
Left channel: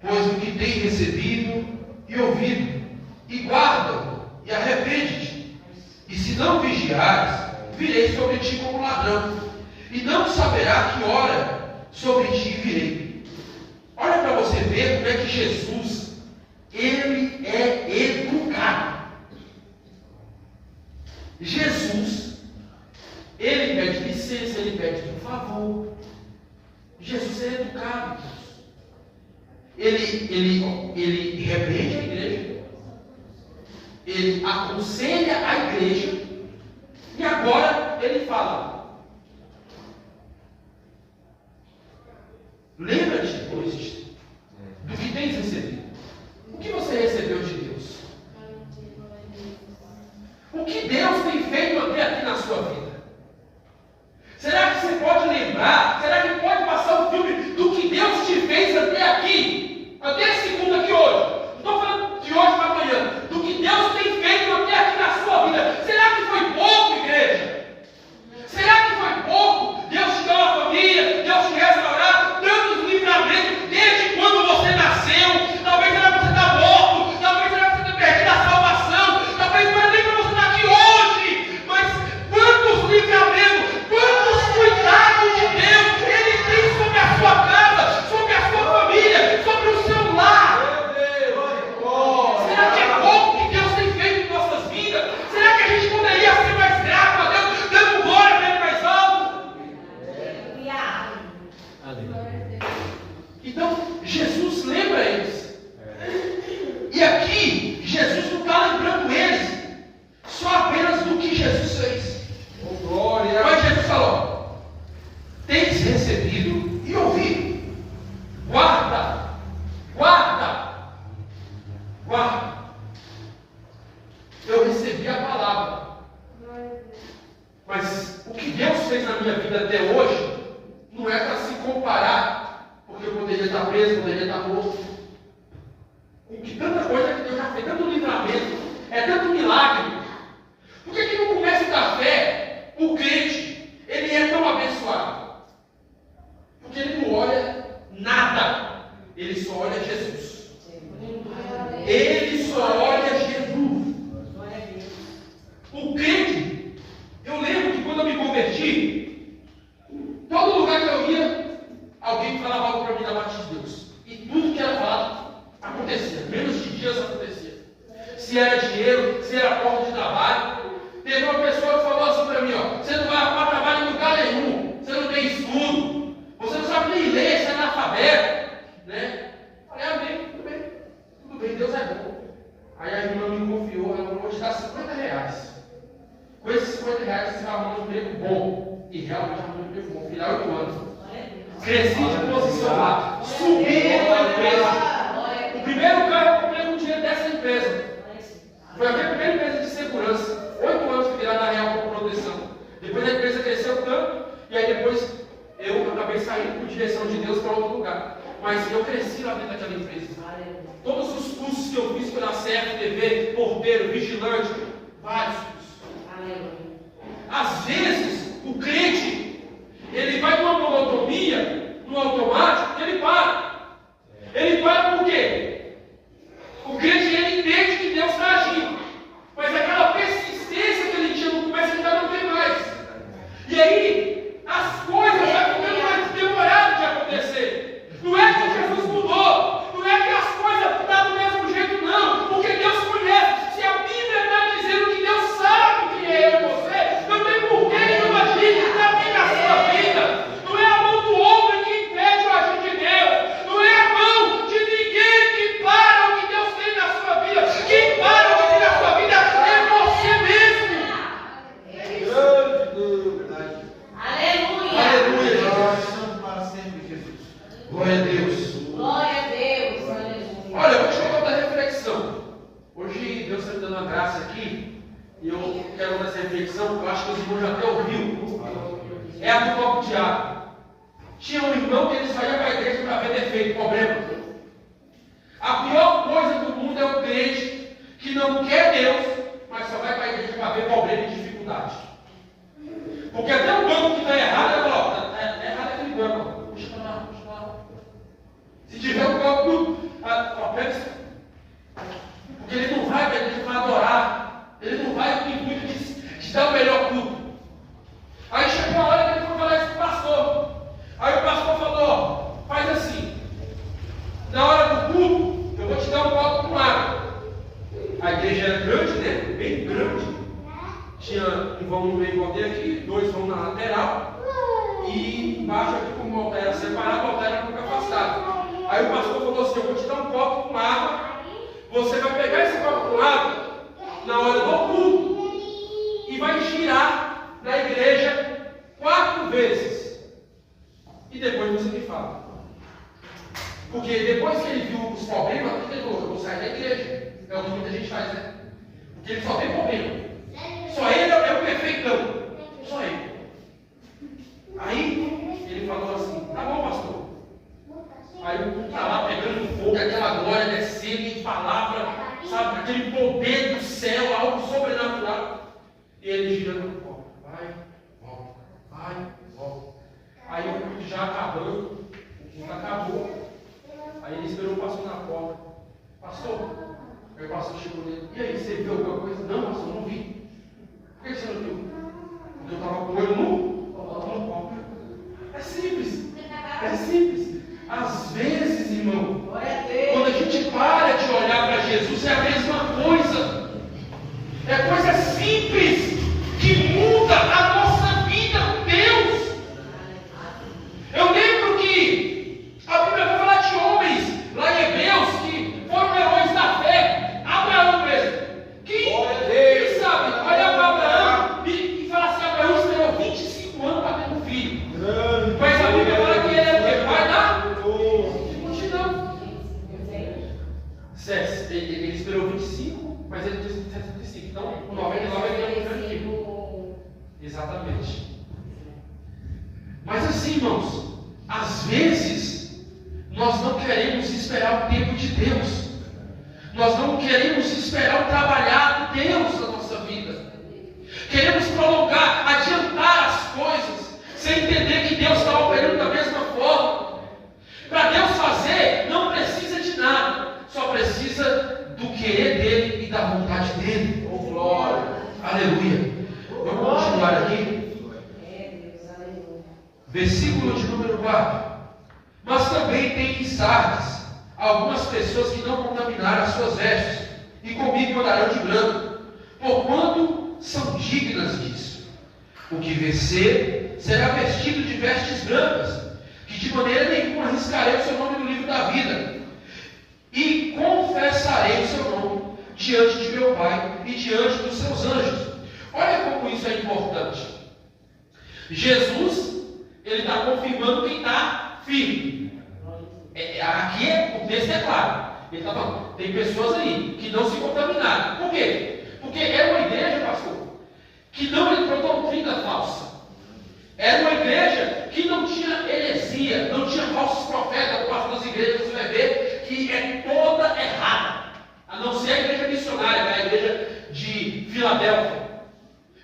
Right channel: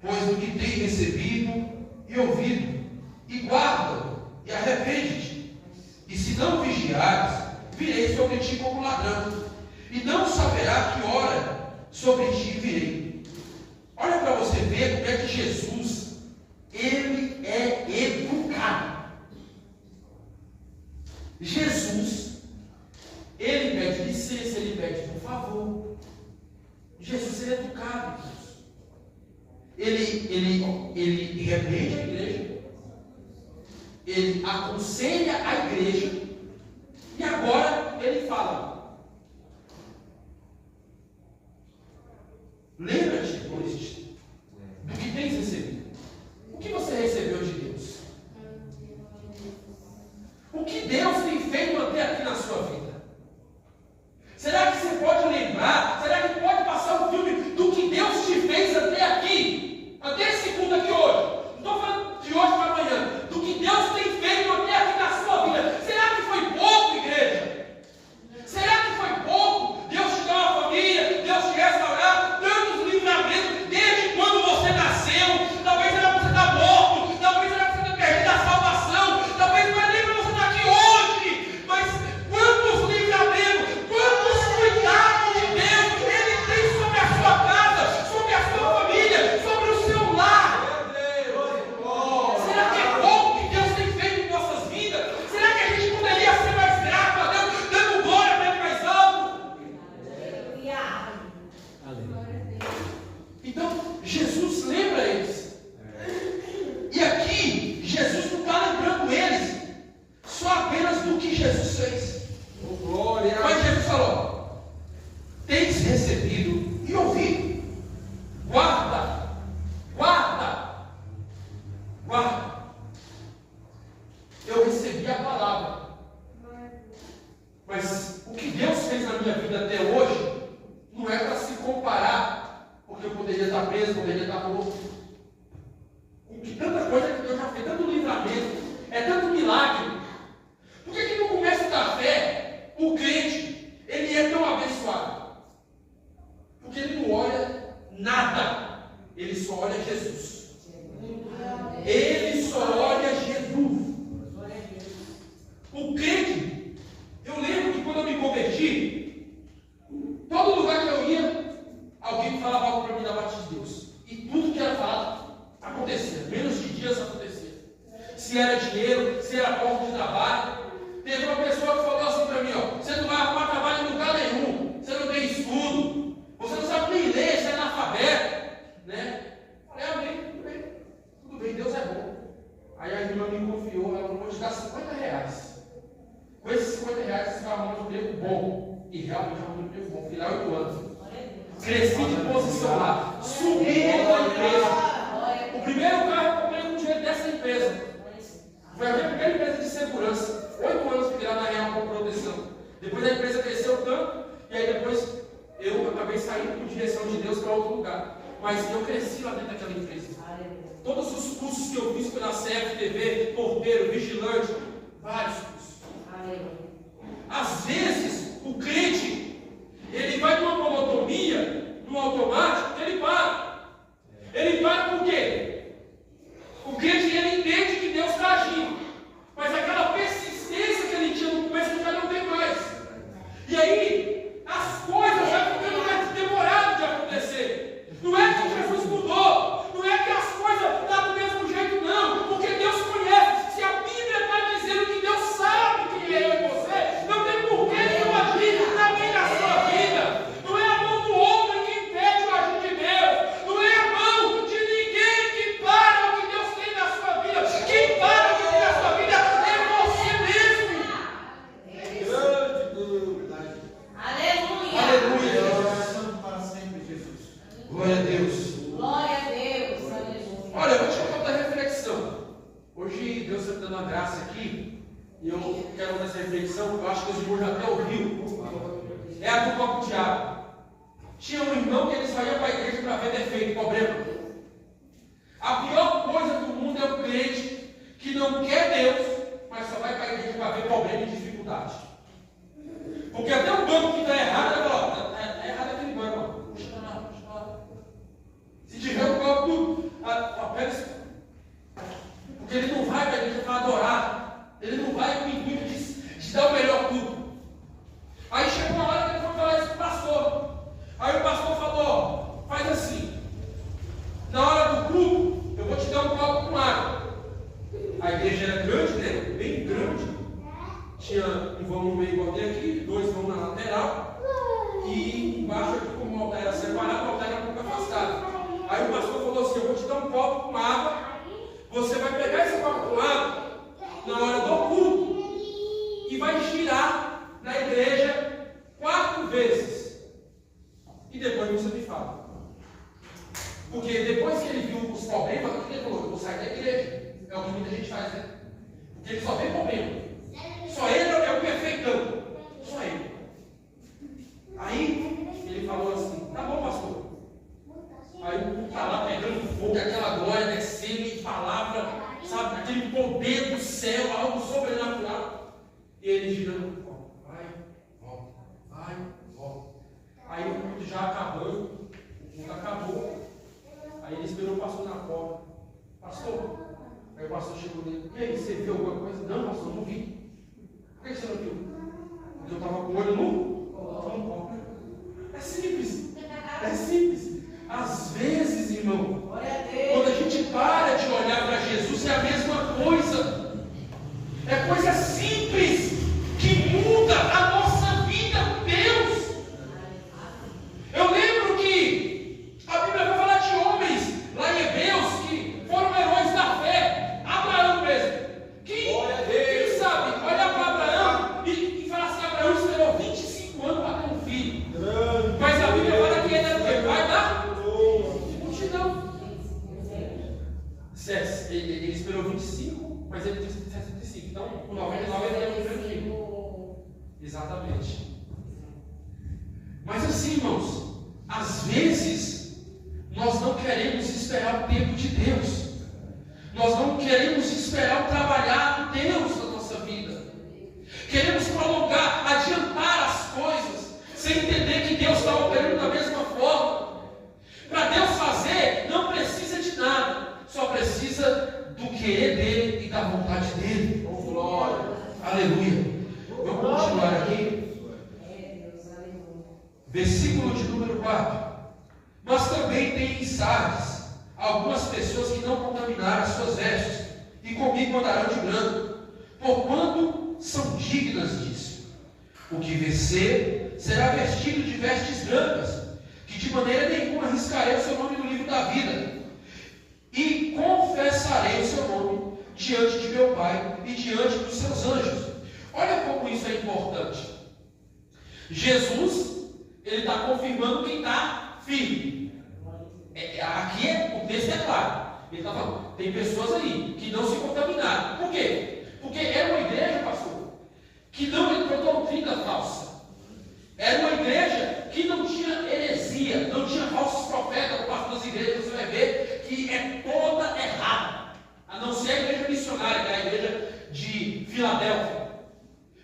pois o que tem recebido e ouvido, e guarda-o, e arrepende-te. E se não vigiares, virei sobre ti como ladrão, e não saberá que hora sobre ti virei. Olha para você ver como é que Jesus, ele é educado. Jesus, ele pede licença, ele pede por favor. Jesus é educado. Ele repreende a igreja, ele aconselha a igreja, e agora ele fala: lembra-te, pois, do que tens recebido. O que você recebeu de Deus? O que Deus tem feito até aqui na sua vida? Será que você pode lembrar? Será que pode passar um filme do que Deus te fez até aqui? Até segunda aqui hoje. Não estou falando de hoje para amanhã. Do que Deus tem feito até aqui na sua vida. Será que foi pouco, igreja? Será que foi pouco? Deus te deu uma família, Deus te restaurar, tantos livramentos desde quando você nasceu. Talvez era para você estar morto, talvez era para você ter perdido a salvação, talvez não era nem para você estar aqui hoje. Mas quantos livramentos, quantos cuidados de Deus Ele tem sobre a sua casa, sobre a sua família, sobre o seu lar. Será que é pouco que Deus tem feito em nossas vidas? Será que a gente poderia ser mais grato a Deus, dando glória para Ele mais alto? Então, Jesus lembra eles. E aqui, Jesus não está lembrando eles só apenas do que Jesus fez. Mas Jesus falou: tens recebido e ouvido. Guarda, guarda, guarda. Eu recebi a palavra, mas o que Deus fez na minha vida até hoje não é para se comparar, porque eu poderia estar preso, poderia estar morto. Com que tanta coisa que Deus já fez, tanto livramento, é tanto milagre. Por que no começo da fé, o crente, ele é tão abençoado? Porque ele não olha nada, ele só olha Jesus. Ele só olha Jesus. O crente, eu lembro que quando eu me converti, todo lugar que eu ia, alguém falava algo para mim da parte de Deus. E tudo que era falado acontecia, menos de dias acontecia. Se era dinheiro, se era porta de trabalho. Teve uma pessoa que falou assim para mim: ó, você não vai arrumar trabalho em lugar nenhum, você não tem estudo, você não sabe nem ler, você é analfabeto, né? Falei: amém, tudo bem, Deus é bom. Aí a irmã me confiou: ela vou te dar R$50. Com esses R$50 você vai arrumar um emprego bom. E realmente arrumou um emprego bom, final 8 anos. Cresci de posição lá, subi na empresa. O primeiro carro eu comprei com dinheiro dessa empresa. Foi a minha primeira empresa de segurança. 8 anos que lá na Real com proteção. Depois a empresa cresceu tanto, e aí depois eu acabei saindo por direção de Deus para outro lugar. Mas eu cresci lá dentro daquela empresa. Todos os cursos que eu fiz pela CFTV, porteiro, vigilante, vários cursos. Às vezes, o crente, ele vai numa monotonia, no automático, ele para. Ele para por quê? O crente, ele entende que Deus está agindo, mas aquela persistência que ele tinha no começo, ele já não tem mais. E aí, as coisas já ficando mais demoradas de acontecer. Não é que Jesus mudou, não é que as coisas estão do mesmo jeito, não, porque Deus conhece. Se a Bíblia está dizendo que Deus sabe quem é eu e você, não tem por que Ele não agir também na sua vida. Não é a mão do homem que impede o agir de Deus, não é a mão de ninguém que para o que Deus tem na sua vida. Quem para o que tem na sua vida é você mesmo. Aleluia. Aleluia. Santo para sempre, Jesus. Glória a Deus. Glória a Deus. Aleluia. Olha, eu vou te contar outra reflexão. Hoje Deus está me dando uma graça aqui, e eu quero dar essa reflexão, eu acho que os irmãos já até ouviram. É a do copo de água. Tinha um irmão que ele saía para a igreja para ver defeito, problema. A pior coisa do mundo é o crente que não quer Deus, mas só vai para a igreja para ver problema e dificuldade. Porque até o banco que está errado, ele fala: ó, tá errado aqui acabar o culto. Porque ele não vai adorar. Ele não vai com o intuito de dar o melhor culto. Aí chegou a hora que ele foi falar isso com o pastor. Aí o pastor falou: faz assim, na hora do culto, eu vou te dar um copo com água. A igreja era grande, né? Bem grande. Tinha um vão no meio, botei aqui, 2 vão na lateral. E embaixo aqui, como o altar era separado, o altar era um pouco afastado. Aí o pastor falou assim: eu vou te dar um copo com água. Você vai pegar esse copo com água na hora do culto e vai girar na igreja 4 vezes. E depois você me fala. Porque depois que ele viu os problemas, ele falou: eu vou sair da igreja. É o que muita gente faz, né? Porque ele só vê problema. Só ele é o perfeitão. Só ele. Aí ele falou assim: tá bom, pastor. Aí o culto está lá pegando fogo, aquela glória descendo de palavra, sabe? Aquele poder do céu, algo sobrenatural. E ele girando no copo. Vai, volta, vai, volta. Aí o culto já acabando, o culto acabou. Aí ele esperou o pastor na porta. Pastor, aí o pastor chegou nele: e aí, você viu alguma coisa? Não, pastor, não vi. Por que você não viu? Porque eu estava com o olho no copo. É simples. É simples. Às vezes, irmão, quando a gente para de olhar para Jesus, é a mesma coisa. É coisa simples que muda a nossa vida com Deus. Eu lembro que a Bíblia vai falar de homens lá em Hebreus que foram heróis da fé. Abraão mesmo. Quem sabe olhar para Abraão e falar assim: Abraão esperou 25 anos para ter um filho. Mas a Bíblia fala que ele é o quê? Pai da multidão. Ele esperou 25, mas ele disse 65. Então, com 99 ele é o primeiro filho. Exatamente. Mas assim, irmãos, às vezes nós não queremos esperar o tempo de Deus. Nós não queremos esperar o trabalhar de Deus na nossa vida. Queremos prolongar, adiantar as coisas, sem entender que Deus está operando da mesma forma. Para Deus fazer, não precisa de nada, só precisa do querer dele e da vontade dele. Oh, glória! Aleluia! Vamos continuar aqui. Versículo de número 4. Mas também tem em Sardes algumas pessoas que não contaminaram as suas vestes, e comigo andarão de branco, porquanto são dignas disso. O que vencer será vestido de vestes brancas, que de maneira nenhuma arriscarei o seu nome no livro da vida, e confessarei o seu nome diante de meu Pai e diante dos seus anjos. Olha como isso é importante. Jesus, ele está confirmando quem está firme. Aqui o texto é claro. Ele está falando: tem pessoas aí que não se contaminaram. Por quê? Porque era uma igreja, pastor, que não entrou doutrina falsa. Era uma igreja que não tinha heresia, não tinha falsos profetas. Por parte das igrejas você vai ver que é toda errada, a não ser a igreja missionária, que é a igreja de Filadélfia.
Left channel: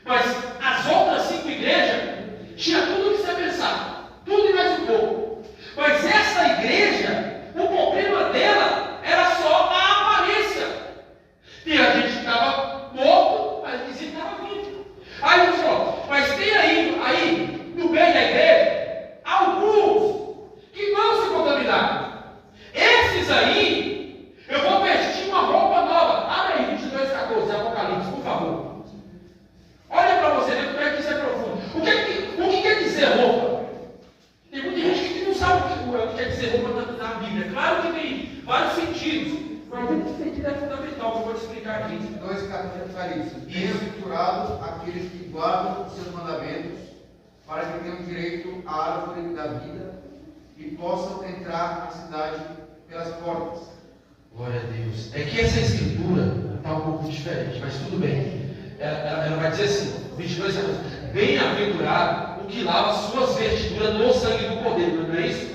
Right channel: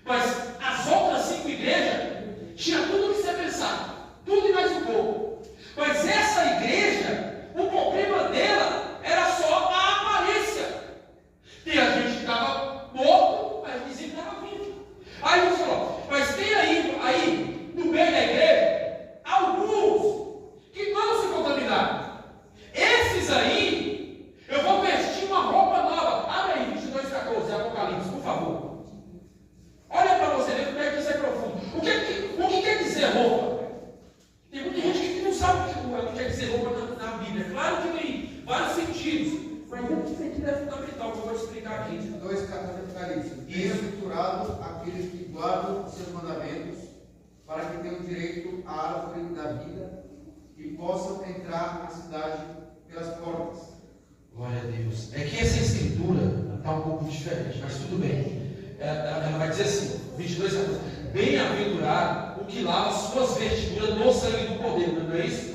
Mas as outras 5 igrejas tinha tudo o que você pensar, tudo e mais um pouco. Mas essa igreja, o problema dela era só a aparência. Tem a gente que estava morto, mas dizia que estava vivo. Aí ele falou: mas tem aí no meio da igreja alguns que não se contaminaram. Esses aí, eu vou vestir uma roupa nova. Abre aí, 22:14, Apocalipse, por favor. Olha para você ver como é que isso é profundo. O que quer dizer roupa? Tem muita gente que não sabe o que quer dizer roupa na Bíblia. Claro que tem vários sentidos, mas um sentido é fundamental, que eu vou te explicar aqui. 2 capítulos de Apocalipse. Bem-aventurados aqueles que guardam os seus mandamentos, para que tenham direito à árvore da vida e possam entrar na cidade pelas portas. Glória a Deus. É que essa escritura está um pouco diferente, mas tudo bem. Ela vai dizer assim, 22 anos: bem-aventurado o que lava suas vestiduras no sangue do Cordeiro. Não é isso?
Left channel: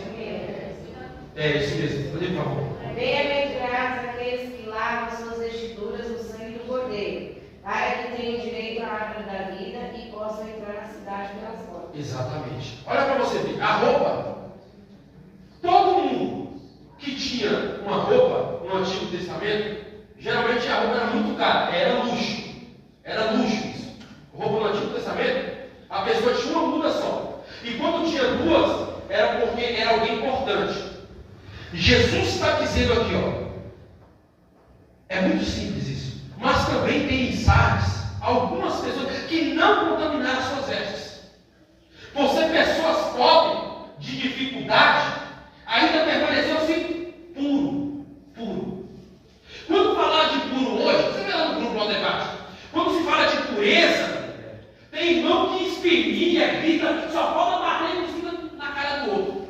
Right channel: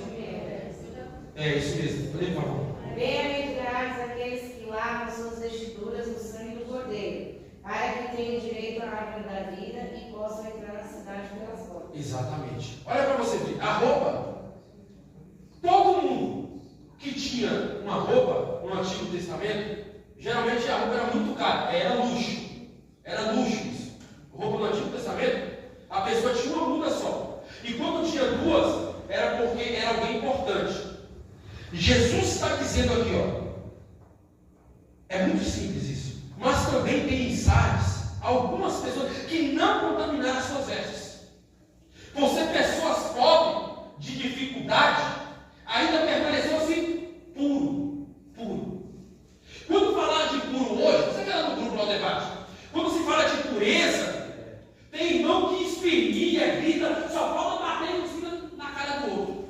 É isso mesmo. Por favor. Bem-aventurados aqueles que lavam suas vestiduras no sangue do Cordeiro, para que tenham direito à árvore da vida e possam entrar na cidade pelas portas. Exatamente. Olha para você ver. A roupa, todo mundo que tinha Testamento, geralmente a roupa era muito cara, era luxo. Era luxo isso. Roupa no Antigo Testamento, a pessoa tinha uma muda só. E quando tinha duas, era porque era alguém importante. Jesus está dizendo aqui, ó. É muito simples isso. Mas também tem em Sardes algumas pessoas que não contaminaram suas vestes. Por ser pessoas pobres, de dificuldade, ainda permaneceu assim puro. Quando falar de puro hoje, você vai lá no grupo no debate. Quando se fala de pureza, tem irmão que esperneia, grita, só falta bater na cara do outro.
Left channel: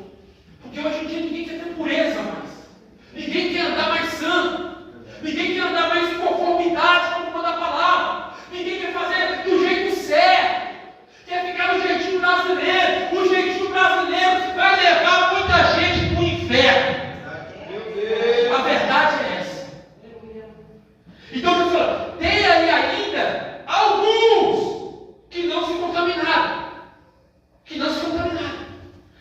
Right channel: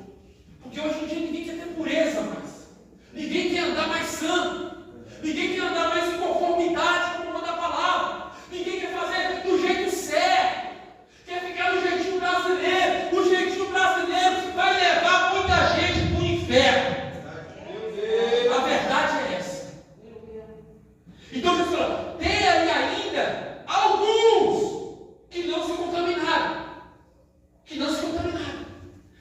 Porque hoje em dia ninguém quer ter pureza mais. Ninguém quer andar mais santo. Ninguém quer andar mais em conformidade com o manda a palavra. Ninguém quer fazer do jeito certo. Quer ficar no jeitinho brasileiro. O jeitinho brasileiro vai levar muita gente para o inferno. A verdade é essa. Então Jesus fala, tem ali ainda alguns que não se contaminaram.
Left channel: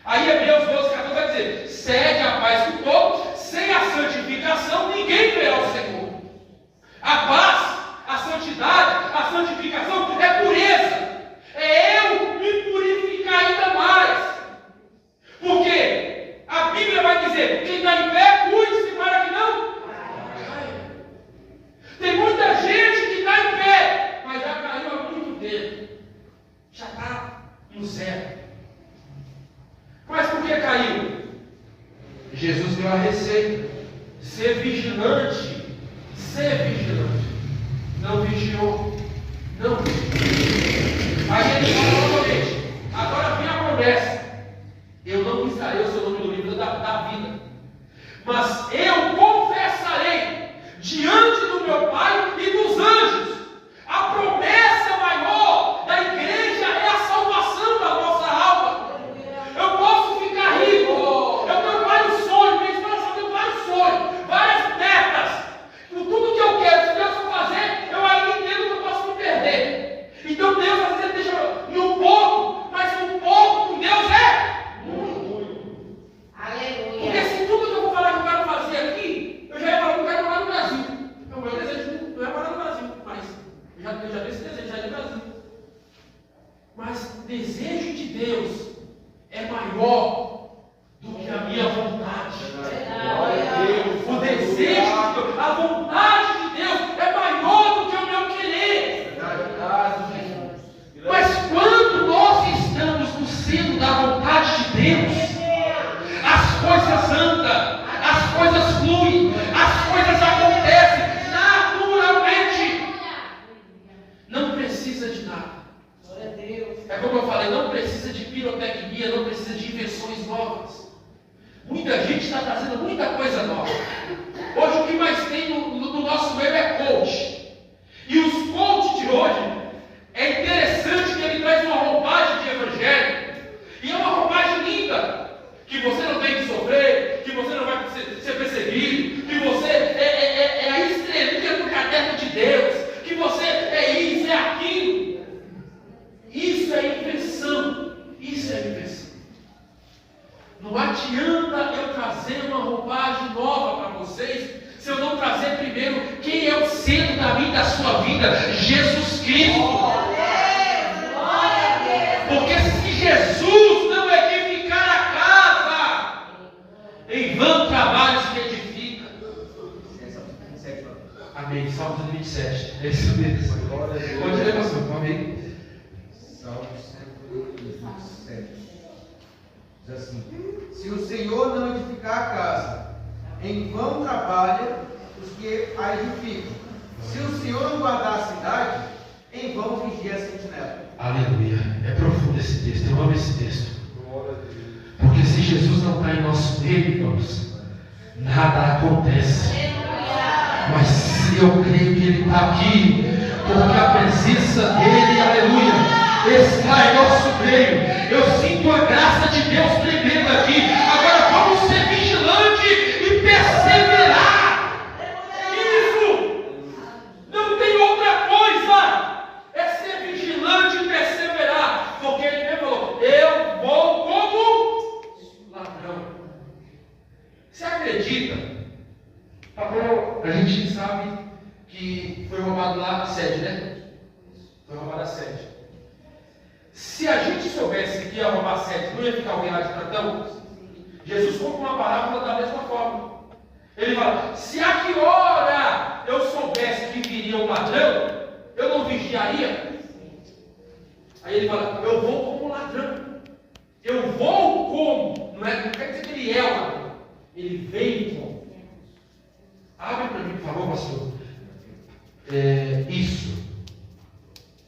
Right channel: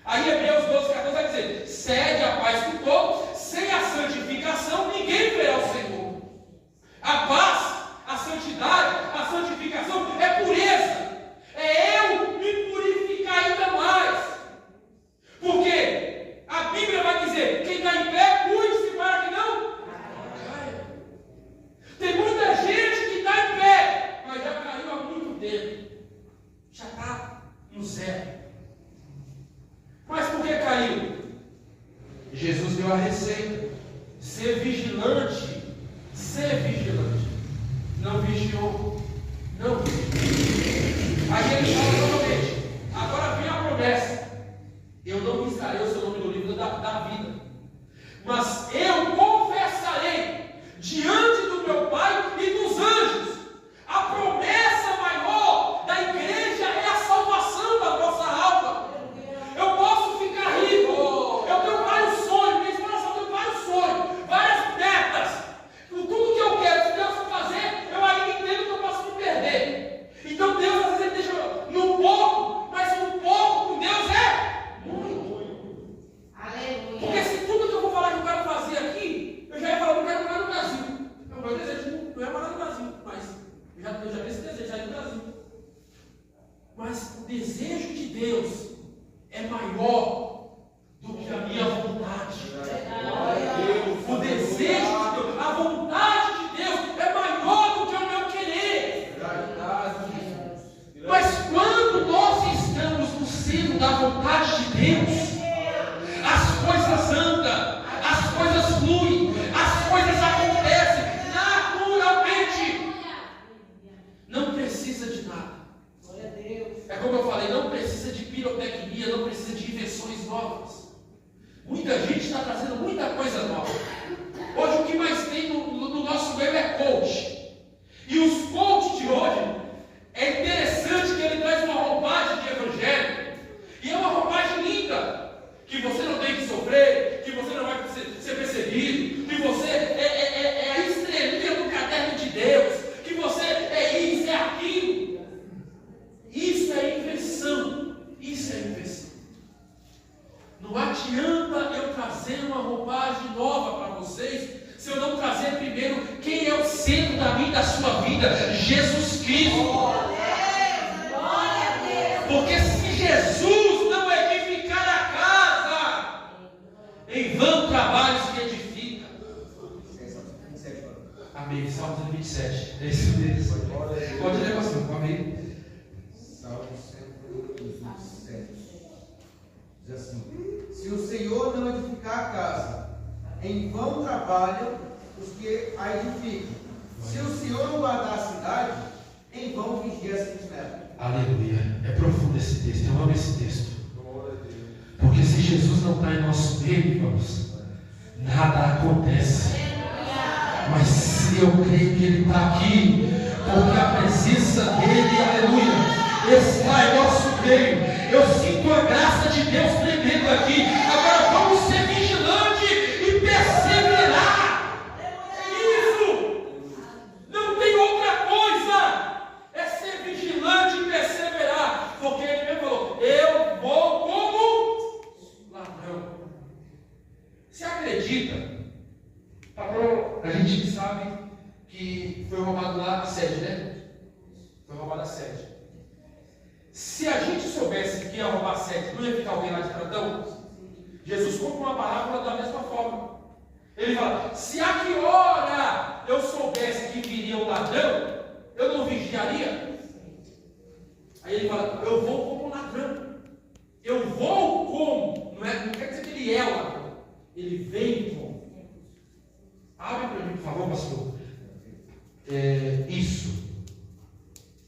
Aí Hebreus 12:14 vai dizer, cede a paz com todos, sem a santificação ninguém verá o Senhor. A paz, a santidade, a santificação é pureza. É eu me purificar ainda mais. Porque a Bíblia vai dizer, quem está em pé, cuide-se para que não caia. Tem muita gente que está em pé, mas já caiu há muito tempo. Já está no zero. Mas por que caiu? Jesus deu a receita. Ser vigilante. Não vigiou. Aí ele fala novamente. Agora vem a promessa. Eu não riscarei o seu nome do livro da vida. Mas eu confessarei diante do meu Pai e dos anjos. A promessa maior da igreja é a salvação da nossa alma. Eu posso ficar rico. Eu tenho vários sonhos. Minha esposa tem vários sonhos. Várias metas. Tudo que eu quero, se Deus for fazer, eu ainda entendo que eu posso me perder. Então Deus às vezes deixa no pouco, mas no pouco com Deus é muito. Aleluia. Porque se tudo que eu vou falar que eu quero fazer aqui, eu já ia falar que eu quero morar no Brasil. Então, o meu desejo não é morar no Brasil, mas eu já tenho esse desejo, já ir no Brasil. Mas o desejo de Deus é maior do que a minha vontade. O desejo de Deus, a vontade de Deus é maior do que o meu querer. Mas quando nós estamos no centro da vontade de Deus, as coisas andam, as coisas fluem, as coisas acontecem naturalmente. Não precisa de nada. É como eu falei, não precisa de pirotecnia, não precisa de invenções novas. Muita gente está trazendo muita coisa nova. Hoje o que mais tem no nosso meio é coach. E os coaches de hoje, é interessante que ele traz uma roupagem de evangelho. E é uma roupagem linda. Que você não tem que sofrer, que você não vai ser perseguido, que você é a estrelinha do caderno de Deus, que você é isso, é aquilo. Isso é invenção. Não adianta eu trazer uma roupagem nova para vocês, se eu não trazer primeiro quem é o centro da minha e da sua vida, Jesus Cristo. Porque se Jesus não edificar a casa, em vão trabalho se edifica. Amém. Salmo 27. É isso mesmo. Pode ler, pastor. Amém. Salmo 127. Diz assim: se o Senhor não edificar a casa, em vão trabalha os que a edificam. Se o Senhor não guardar a cidade, em vão vigia a sentinela. Aleluia. É profundo esse texto. Eu amo esse texto. Porque se Jesus não está em nosso meio, irmãos, nada acontece. Mas se eu creio que Ele está aqui, porque a presença dEle, aleluia, está em nosso meio. Eu sinto a graça de Deus tremendo aqui. Agora vamos ser vigilantes e perseverar. Isso! Não tem outra coisa. É ser vigilante e perseverar. Porque Ele mesmo falou: eu vou como ladrão. Você acredita? A gente soubesse que ia roubar 7, não ia ficar alguém lá de plantão? Jesus conta uma parábola da mesma forma. Ele fala: se a que hora eu soubesse que viria um ladrão, eu não vigiaria? Aí ele fala: eu vou como ladrão. Eu vou como? Não quer dizer que ele é o ladrão. Ele veio como. Abre para mim, por favor, pastor. Isso.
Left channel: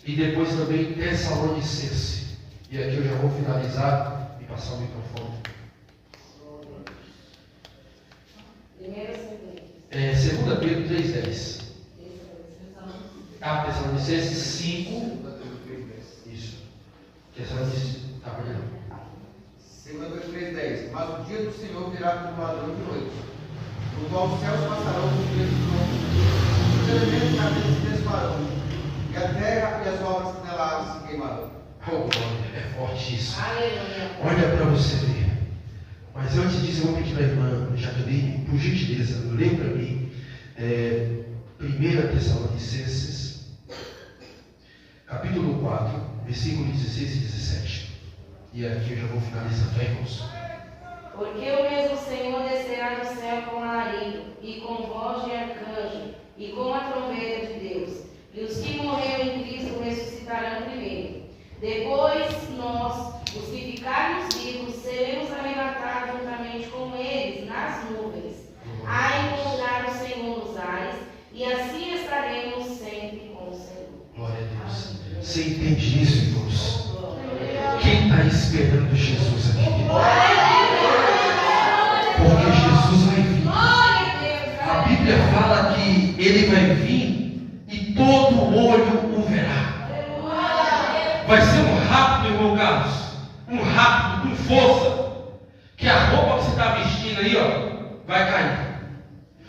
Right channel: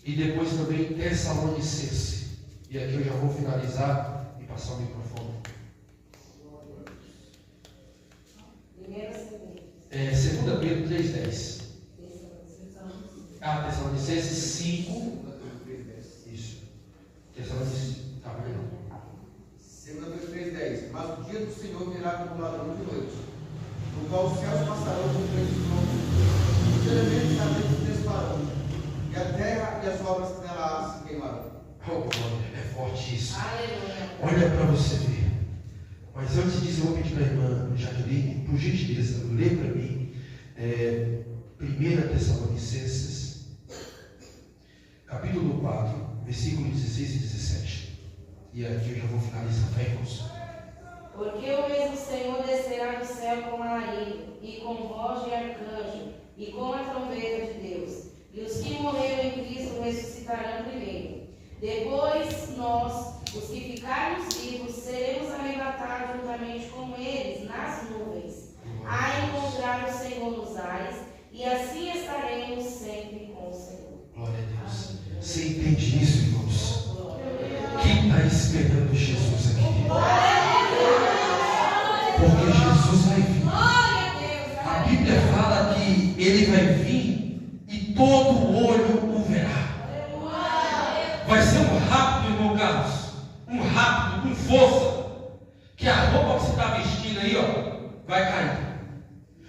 E depois também Tessalonicenses. E aqui eu já vou finalizar e passar o microfone. 2 Pedro 3,10. Tessalonicenses 5. Isso. Tessalonicenses. Tá, pode não. 2 Pedro 3,10. Mas o dia do Senhor virá como ladrão de noite, no qual os céus passarão com grandes trovões, os elementos e abismos se desfarão, e a terra e as obras que nela se queimarão. Oh, glória, é forte isso. Aleluia. Olha para você ver. Mas antes disso, eu vou pedir para a irmã Jaqueline, por gentileza, lê para mim 1 Tessalonicenses, capítulo 4, versículos 16 e 17. E aqui eu já vou finalizar, tá, irmãos? Porque o mesmo Senhor descerá do céu com alarido, e com voz de arcanjo, e com a trombeta de Deus. E os que morreram em Cristo ressuscitarão primeiro. Depois nós, os que ficarmos vivos, seremos arrebatados juntamente com eles nas nuvens, a encontrar o Senhor nos ares, e assim estaremos sempre com o Senhor. Glória a Deus. Você entende isso, irmãos? Quem está esperando Jesus aqui? Porque Jesus vai vir. A Bíblia fala que ele vai vir e todo olho o verá. Vai ser um rápido, irmão Carlos. Um rápido, com força. Que a roupa que você está vestindo aí, ó, vai cair.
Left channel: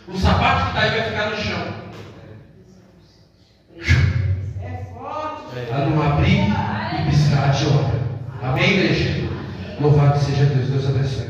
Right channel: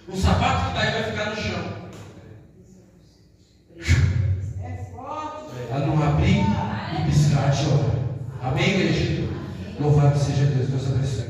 O sapato que está aí vai ficar no chão. Para não abrir e piscar de hora. Amém, igreja? Louvado seja Deus. Deus abençoe.